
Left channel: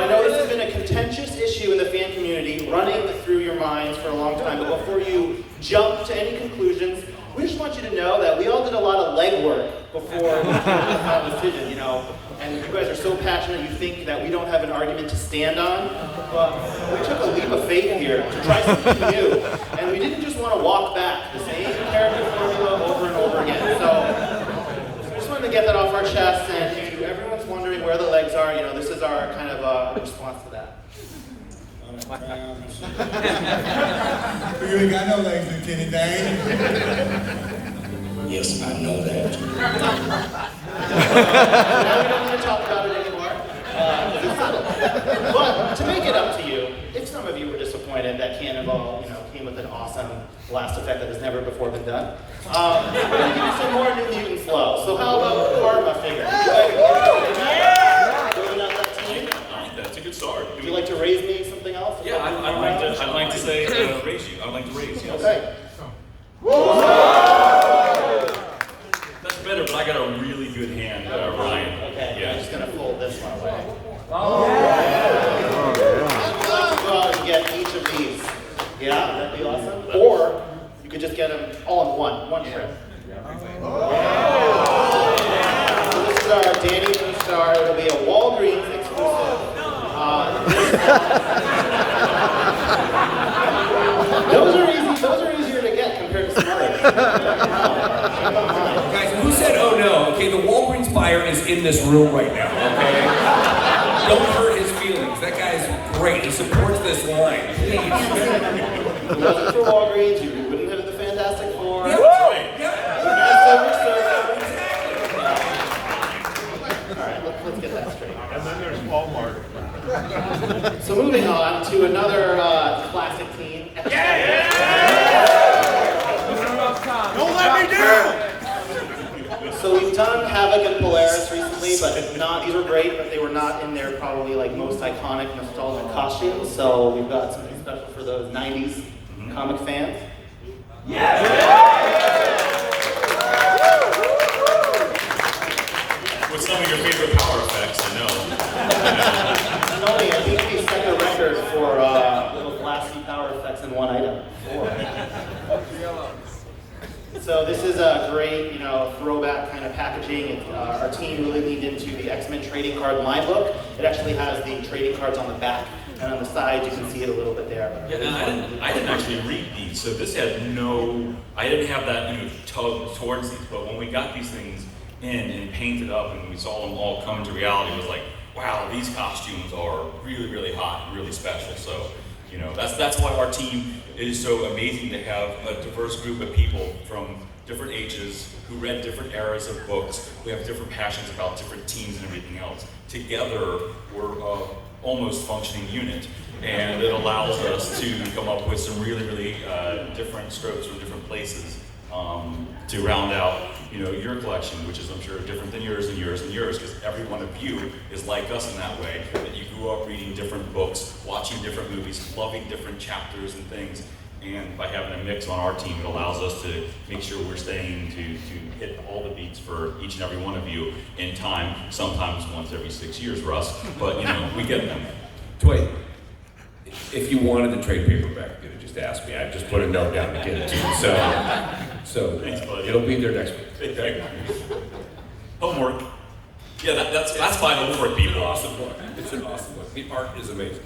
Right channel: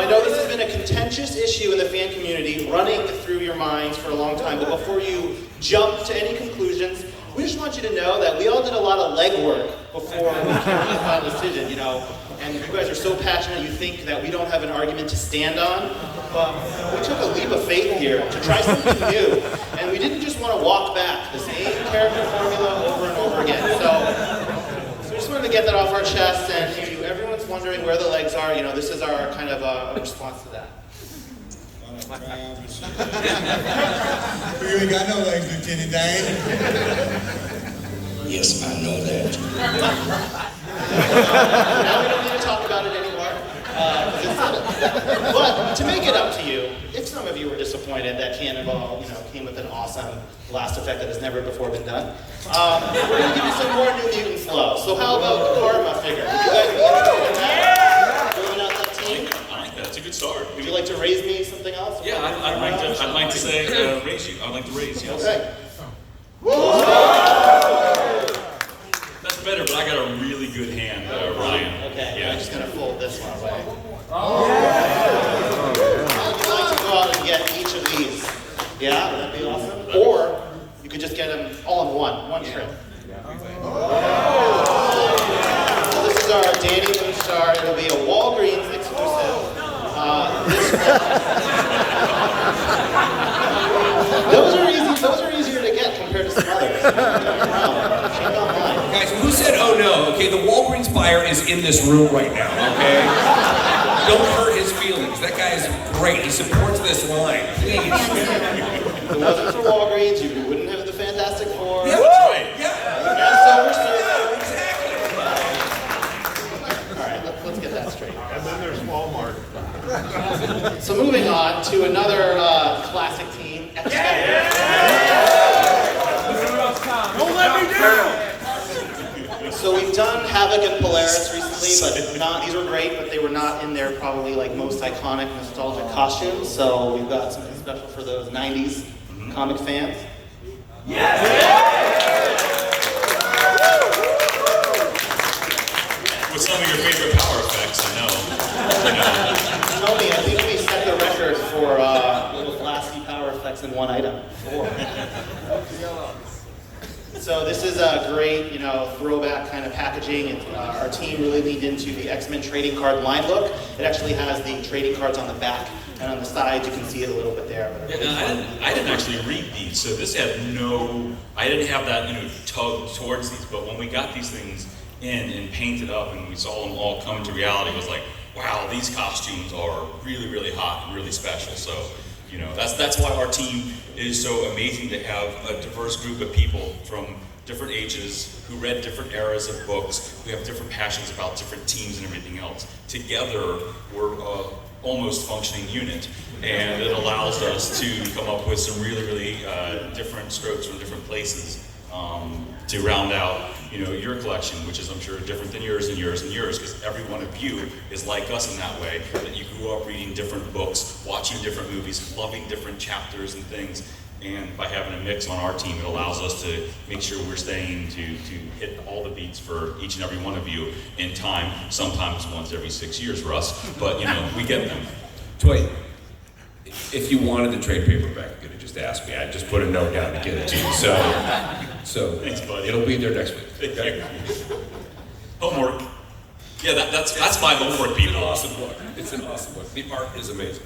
know this has been a contentious issue in the fan community, running through your minds for a long time. But before you jump to any conclusions, we just want you to know that we all did a lot of legwork before we made the final decision, and you guys are so passionate you think that we don't have an argument to stand on. But we took a leap of faith here to try something new, and we didn't just want to walk back the same character formula over and over again. So we just wanted to get that off our chest, and if everyone's wondering where the legs are, this is our kind of response to that. You ain't got no legs, Lieutenant Dan. Yes, I know that. Now we don't need to talk about it anymore, because it's settled. But to make it up to you, if some of you were disappointed that Cannonball, came with an awesome blast effect that has never before been done, we're going to give you some more New Mutant flow. So how about the Karma figure? Would you like to building out that team? That's a good start. Would you like to raise me something else? Yeah, I'd like to say raise you. I'd like to raise, yes. Okay. That's better, but I got a really good hand, Ryan. Okay, Yeah. I'm just going to fold this one away. I'd like to go out and get each of these. Yeah, that'd be awesome. Or you could just get them all in one trip. So this is our Danny Moonstar. It'll be a Walgreens exclusive. Those are easier to get compared to some others. Guys, who said, oh no? Okay, the Walgreens buyer is in this room right now, okay? Don't hurt his feelings. That guy is great. He supports this line. Please. If it wasn't for Walgreens, you wouldn't have the Fantastic Four. Yeah, that's right. Yeah. Silver Surfer. So moving on to another classic team. Don't let me down! So we've done HAVOK and Polaris recently, but these were great, but they were not in their probably like most iconic nostalgic costumes. So we've got something special for those 90s comic fans. What's some of your favorite power effects? I know. Tell me, I think we set the record for little blasty power effects in one item. 4. So this is a great, throwback kind of packaging. Our team really leaned into the X-Men trading card line book. It actually has the trading cards on the back, and on the side you can see it a little bit there. I didn't actually read these, so this had I didn't have that tug towards these, but when we got these things in and painted up and we saw them all come to reality, it was like, wow, these costumes are really, really hot and really special. So, that's why our team is so amazing to have a diverse group of people from different ages who read different eras of books, who have different passions about different teams and everything else. Together, we're almost functioning unit, and it allows us to come up with some really, really different strokes from different places to round out, your collection, which is, I'm sure, different than yours and yours and yours, because every one of you is like us in that way, that you grew up reading different books, watching different movies, loving different chapters and things, and by having a mix on our team, it allows us to make sure we're staying to hit all the beats for each and every one of you in time, sometimes once every 6 years, Russ, but, we get them. Dwight, if you wanted the trade paperback, you could have just asked me. I'd just put a note down to get it to you. So Thanks, buddy. it'll be there next week. Okay? Homework. Yeah, that's my homework, people. Awesome book. It's an awesome book. The art is amazing.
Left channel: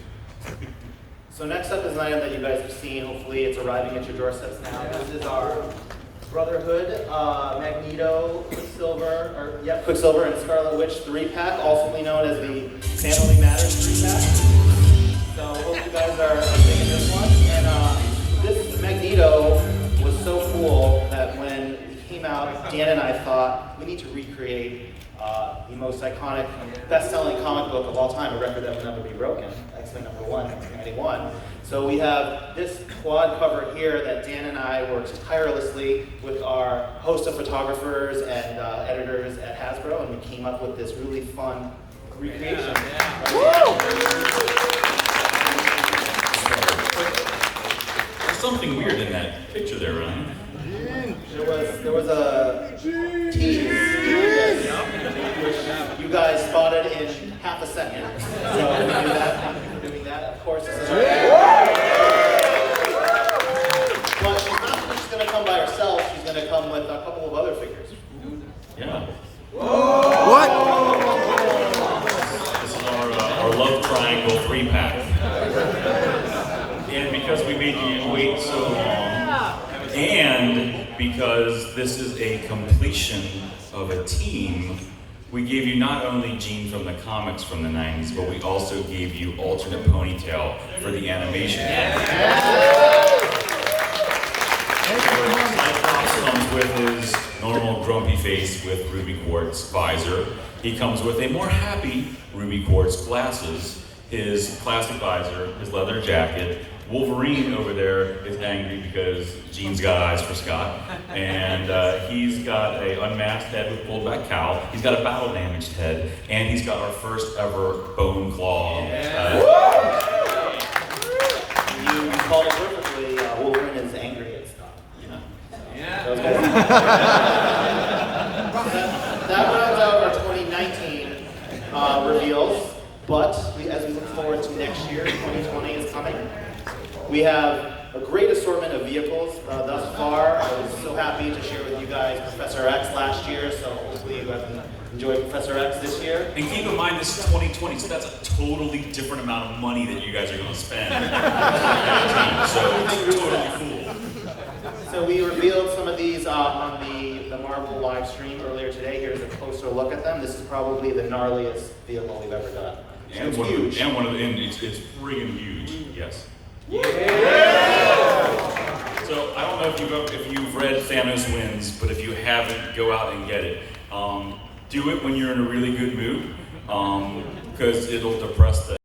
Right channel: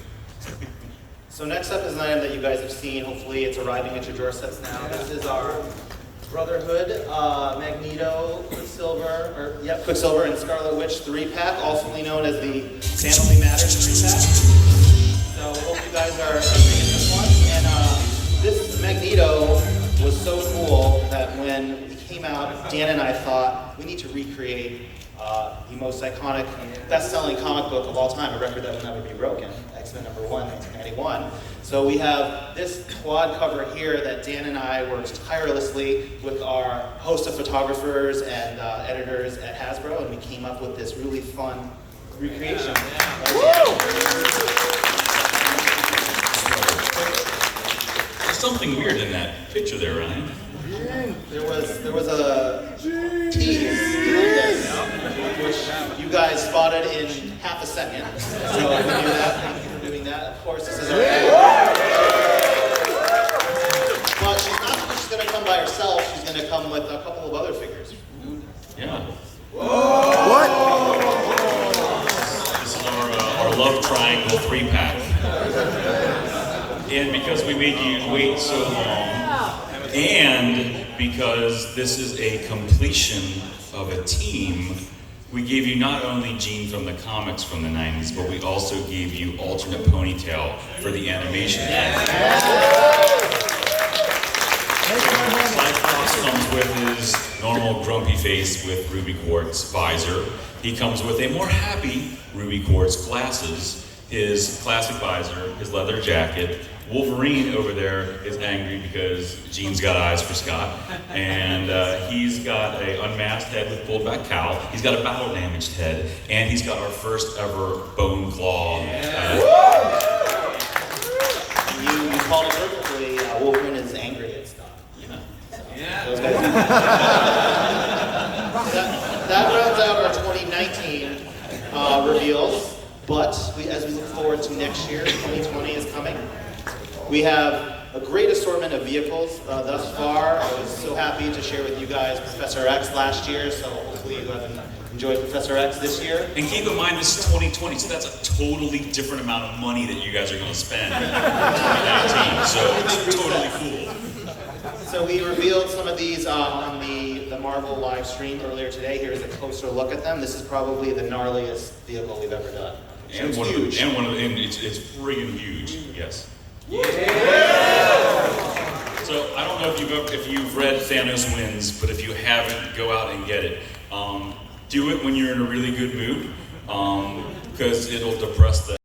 So next up is an item that you guys have seen. Hopefully it's arriving at your doorsteps now. This is our Brotherhood, Magneto, Quicksilver and Scarlet Witch 3-pack, also known as the Family Matters 3-pack. So hope you guys are digging this one. And this Magneto was so cool that when it came out, Dan and I thought we need to recreate the most iconic, best-selling comic book of all time, a record that will never be broken, X-Men #1, 1991. So we have this quad cover here that Dan and I worked tirelessly with our host of photographers and editors at Hasbro, and we came up with this really fun recreation. There's something weird in that picture there, Ryan. There was a tease, which you guys spotted in half a second. So we're doing that. Of course, this is our. But she's not just going to come by herself. She's going to come with a couple of other figures. Yeah. What? This is our Love Triangle 3-pack. And because we made you wait so long, and because this is a completion of a team, we gave you not only Jean from the comics from the 90s, but we also gave you alternate ponytail for the animation. Cyclops comes with his normal grumpy face with ruby quartz visor. He comes with a more happy ruby quartz glasses, his classic visor, his leather jacket. Wolverine over there is angry because Jean's got eyes for Scott, and he's got an unmasked head with pulled back cowl. He's got a battle damaged head, and he's got our first ever bone claw. You called it perfectly. Wolverine is angry at Scott. Those guys. That rounds out our 2019 reveals. But as we look forward to next year, 2020 is coming. We have a great assortment of vehicles thus far. I was so happy to share with you guys Professor X last year, so hopefully you have enjoyed Professor X this year. And keep in mind, this is 2020, so that's a totally different amount of money that you guys are going to spend in 2019, so it's totally cool. So we revealed some of these on the Marvel live stream earlier today. Here's a closer look at them. This is probably the gnarliest vehicle we've ever done. And it's one huge. Of it's friggin' huge, yes. So I don't know if you've read Thanos Wins, but if you haven't, go out and get it. Do it when you're in a really good mood, because it'll depress the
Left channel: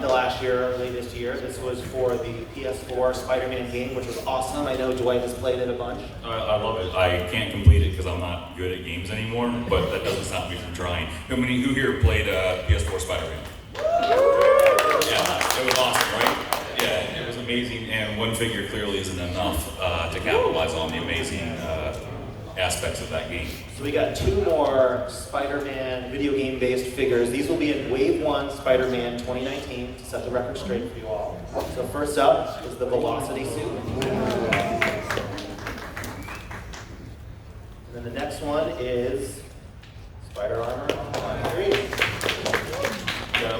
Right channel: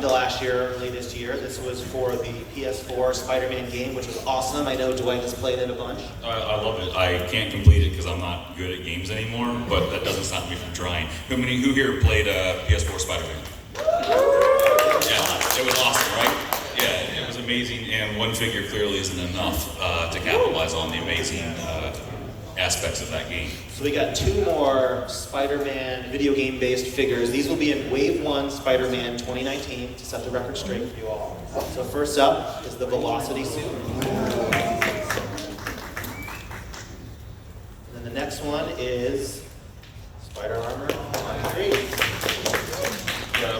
into last year, early this year. This was for the PS4 Spider-Man game, which was awesome. I know Dwight has played it a bunch. I love it. I can't complete it because I'm not good at games anymore, but that doesn't stop me from trying. Who here played PS4 Spider-Man? Yeah, it was awesome, right? Yeah, it was amazing, and one figure clearly isn't enough to capitalize on the amazing aspects of that game. So we got 2 more Spider-Man video game-based figures. These will be in Wave 1 Spider-Man 2019 to set the record straight for you all. So first up is the Velocity suit. And then the next one is Spider Armor Mark 3.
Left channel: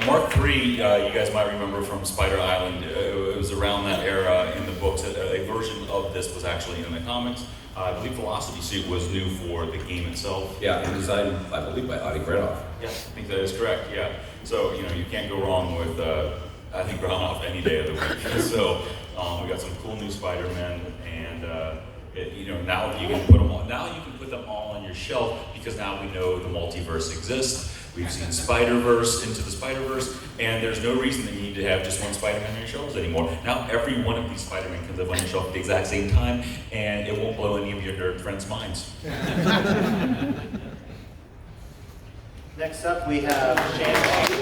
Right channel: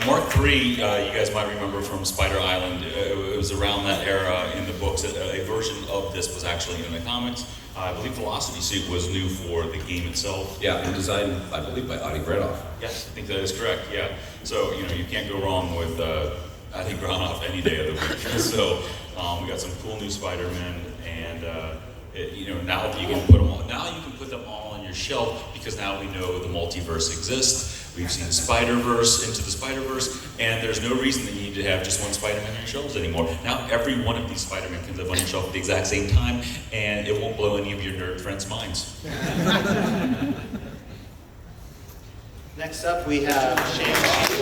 Mark III, you guys might remember from Spider Island. It was around that era in the books. A version of this was actually in the comics. I believe Velocity Suit was new for the game itself. Yeah, and designed, I believe, by Adi Granoff. Yes, I think that is correct, yeah. So, you can't go wrong with, I think, Granoff any day of the week. So, we got some cool new Spider-Men, and, now you can put them all, on your shelf, because now we know the multiverse exists. We've seen Spider-Verse, Into the Spider-Verse, and there's no reason that you need to have just one Spider-Man on your shelves anymore. Now every one of these Spider-Men can live on your shelf at the exact same time, and it won't blow any of your nerd friends' minds. Next up, we have Shang-Chi.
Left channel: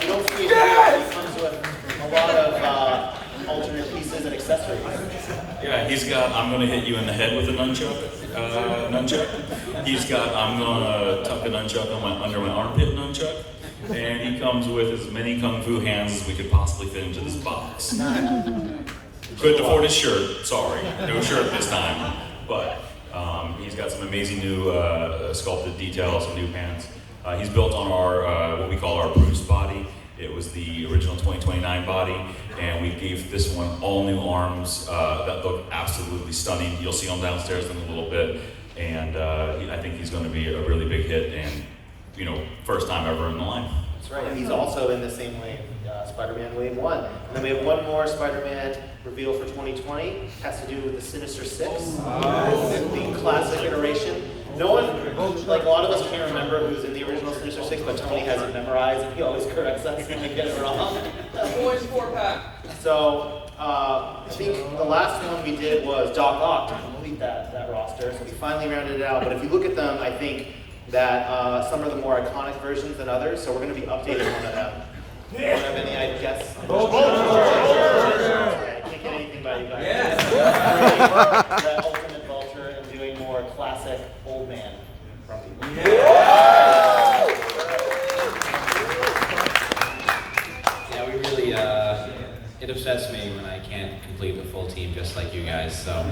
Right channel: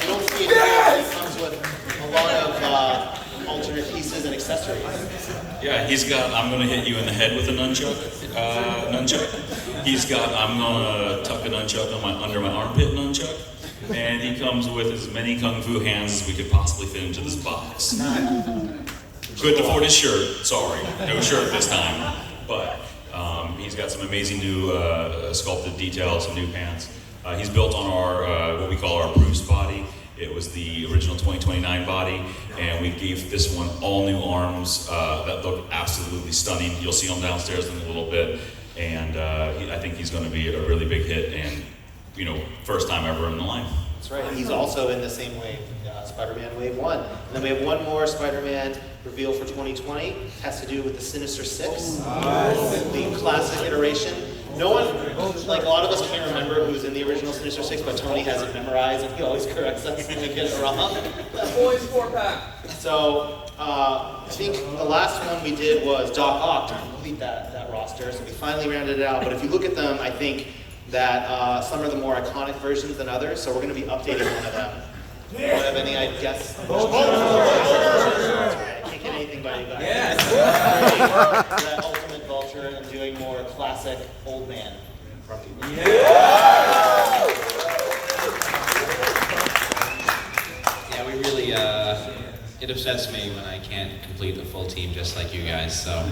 You don't see it here. It comes with a lot of alternate pieces and accessories. Yeah, he's got, I'm going to hit you in the head with a nunchuck. He's got, I'm going to tuck a nunchuck under my armpit nunchuck. And he comes with as many kung fu hands as we could possibly fit into this box. Couldn't afford his shirt, sorry. No shirt this time. But he's got some amazing new sculpted details and new pants. He's built on our, what we call our Bruce body. It was the original 2029 body, and we gave this one all new arms that look absolutely stunning. You'll see them downstairs in a little bit, and I think he's going to be a really big hit, and first time ever in the line. That's right. He's also in the same wave, Spider-Man Wave 1. And then we have one more Spider-Man reveal for 2020. It has to do with the Sinister Six, the classic iteration. No one, like a lot of us can't remember who's in the original Sinister Six, but Tony has it memorized, and he always corrects us when we get it wrong. That boy's 4-pack. So I think the last one we did was Doc Ock to complete that roster. So we finally rounded it out. But if you look at them, I think that some are the more iconic versions than others. So we're going to be updating one of them. Do you have any guess? I can't get anything by you guys. Yes. That Ultimate Vulture and doing more classic old man from people. Yeah, we really, it upsets me when I can't complete the full team just like you guys. So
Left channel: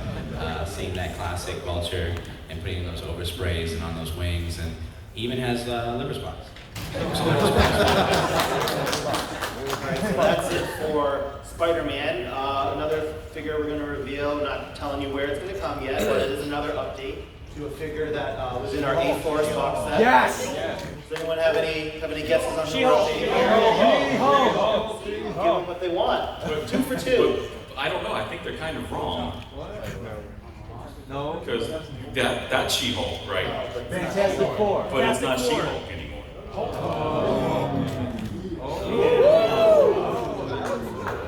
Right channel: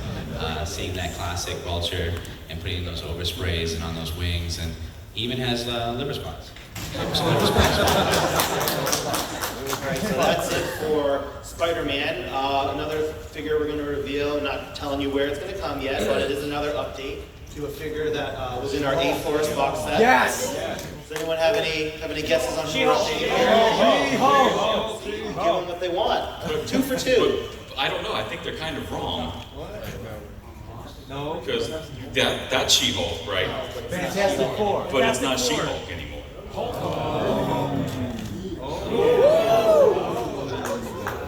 seeing that classic Vulture and putting those oversprays and on those wings, and he even has liver spots. Alright, so that's it for Spider-Man. Another figure we're going to reveal, not telling you where it's going to come yet, but it is another update to a figure that was in our A-Force box set. Yes! Does anyone have any guesses on who we're updating here? Give them what they want. 2 for 2. I don't know, I think they're kind of wrong. No. Because that's She-Hulk, right? Fantastic Four. But it's not She-Hulk anymore.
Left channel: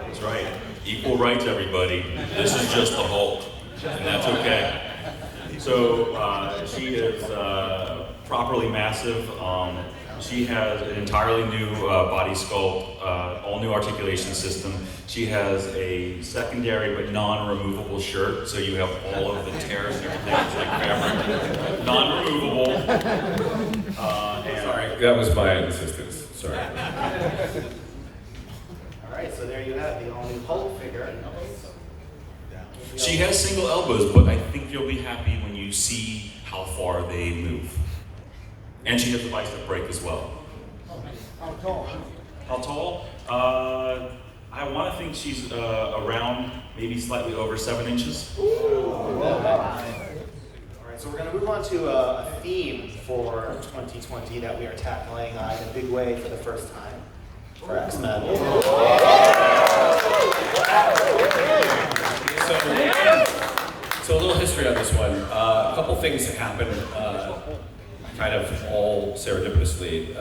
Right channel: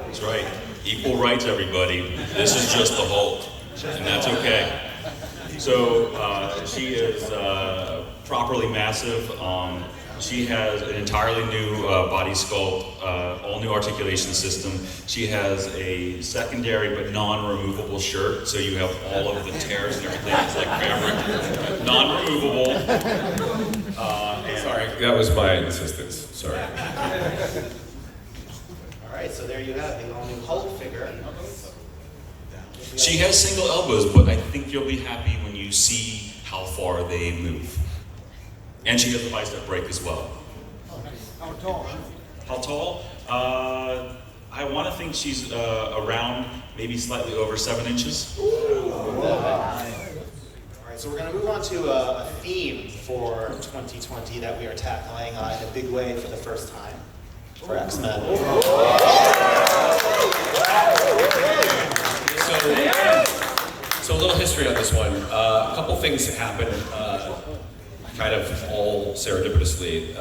That's right. Equal rights, everybody. This is just the Hulk, and that's okay. So she is properly massive. She has an entirely new body sculpt, all new articulation system. She has a secondary but non-removable shirt, so you have all of the tears and everything. It's like fabric, non-removable. Sorry, that was my insistence. Sorry. Alright, so there you have the all-new Hulk figure. She has single elbows, but I think you'll be happy when you see how far they move. And she has a bicep break as well. How tall? How tall? I want to think she's around maybe slightly over 7 inches. Alright, so we're going to move on to a theme for 2020 that we are tackling in a big way for the first time for X-Men. So a little history on this one. A couple things that happened. kind of all serendipitously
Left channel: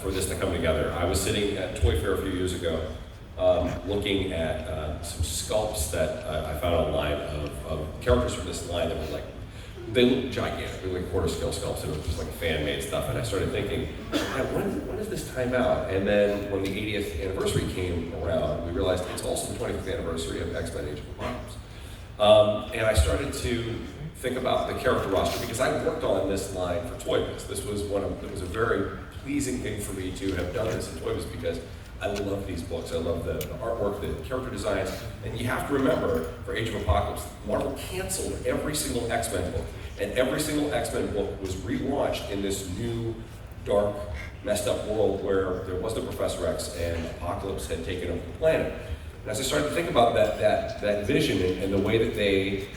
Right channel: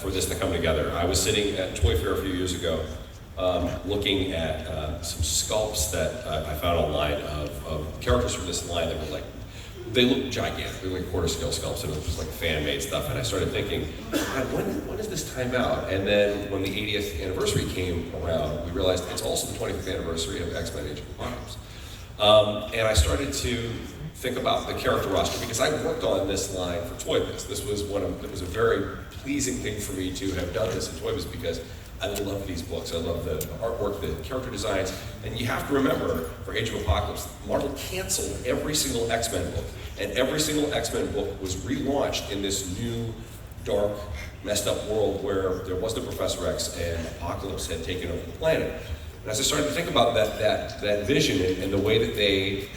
for this to come together. I was sitting at Toy Fair a few years ago, looking at some sculpts that I found online of characters from this line that were like, they look gigantic. They were like quarter scale sculpts, and it was just like fan-made stuff. And I started thinking, when is this time out? And then when the 80th anniversary came around, we realized it's also the 25th anniversary of X-Men: Age of Apocalypse. And I started to think about the character roster because I worked on this line for Toy Biz. It was a very pleasing thing for me to have done this in Toy Biz because I love these books. I love the artwork, the character designs. And you have to remember, for Age of Apocalypse, Marvel canceled every single X-Men book. And every single X-Men book was relaunched in this new, dark, messed up world where there was no Professor X and Apocalypse had taken over the planet. And as I started to think about that vision and the way that they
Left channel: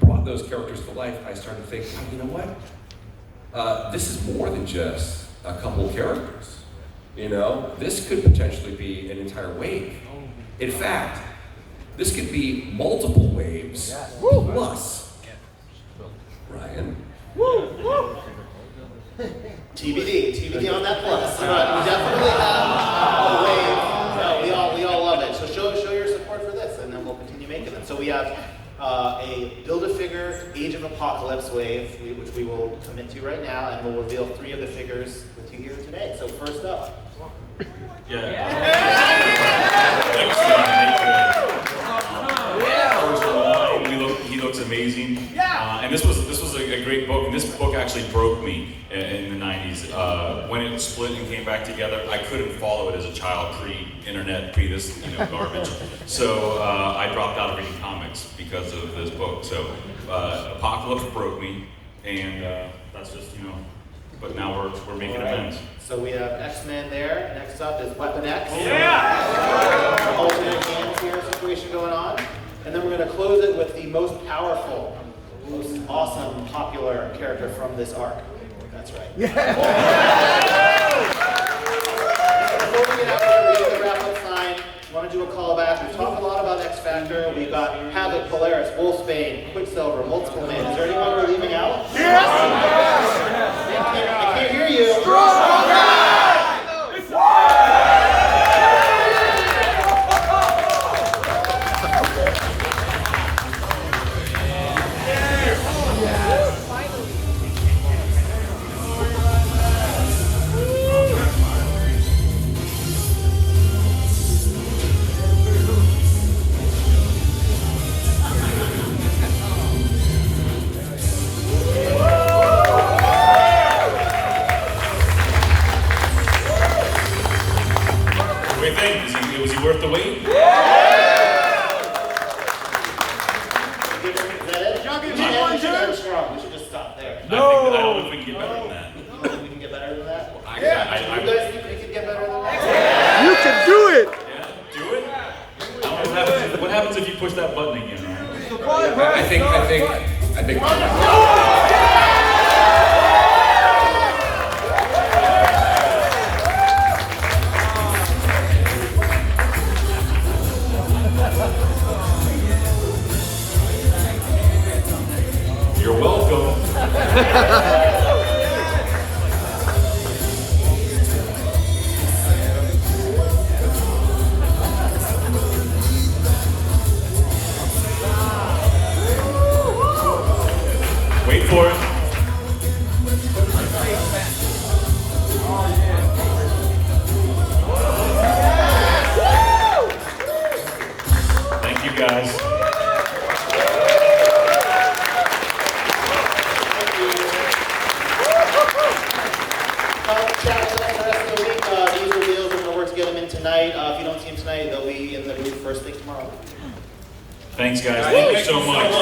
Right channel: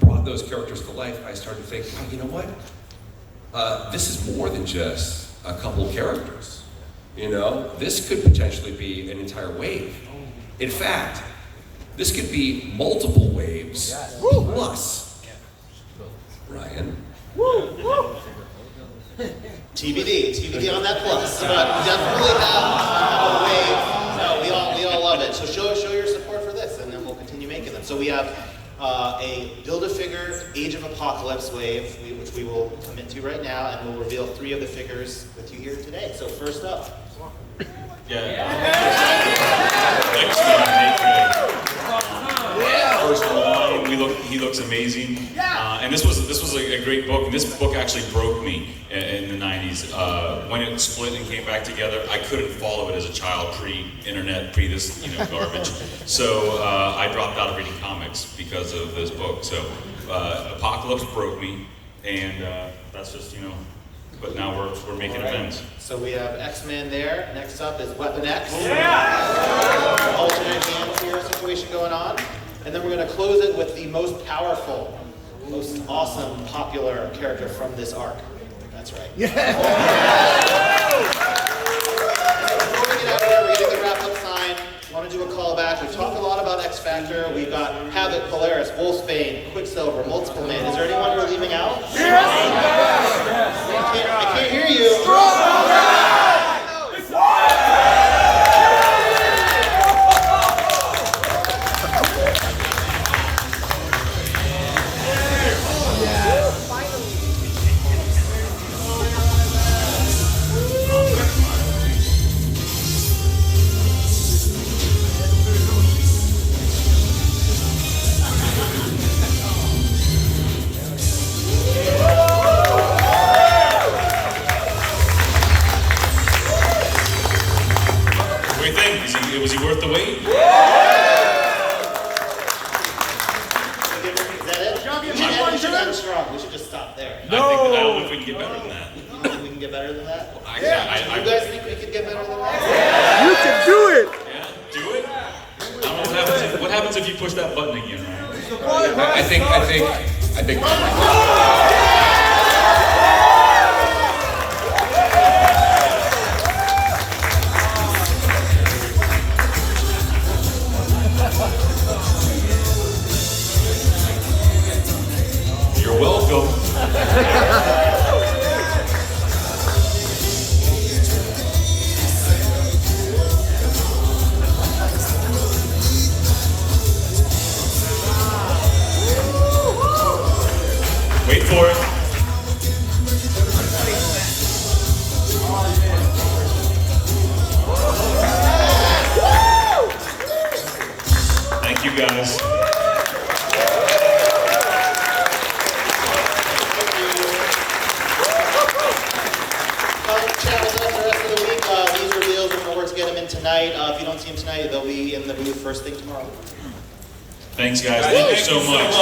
brought those characters to life, I started to think, oh, you know what? This is more than just a couple of characters. You know, this could potentially be an entire wave. In fact, this could be multiple waves plus. Ryan. TBD on that plus. But we definitely have a wave. No, we all love it. So show your support for this, and then we'll continue making them. So we have a Build-A-Figure Age of Apocalypse wave, which we will commit to right now, and we'll reveal 3 of the figures with you here today. So first up. First of all, he looks amazing. And this was a great book. And this book actually broke me in the 90s. When it split and came back together, I couldn't follow it as a child, pre-internet, pre-this garbage. So I dropped out of reading comics because of this book. So Apocalypse broke me, and that's just, but now we're making amends. So we have X-Men there. Next up is Weapon X. Alternate game here situation going on. And then we're going to close it with the most powerful, most awesome, popular character from this arc. That's right. Before we get out here, reading the wrap-up sign, I want to do a callback. We've talked a lot about X Factor. We've got HAVOK, Polaris, Wolfsbane, Quicksilver, Multiple Man. Is there anyone we're leaving out? I can't hear you. Was he worth the wait? Is that it? We should end strong. We should just stop there. I don't know if we can get better than that. You don't think we can get better than that? I You guys think we can get better than that? You can do it! Yeah, do it. What happens if you push that button again? Right? I think. You're welcome. Wait for it. Thank you, guys. Chat with us the rest of the week. These reveals, we're going to work to get them in tonight. If you don't see them tonight, they'll be in the booth first thing tomorrow. Thanks, guys. Thank you so much.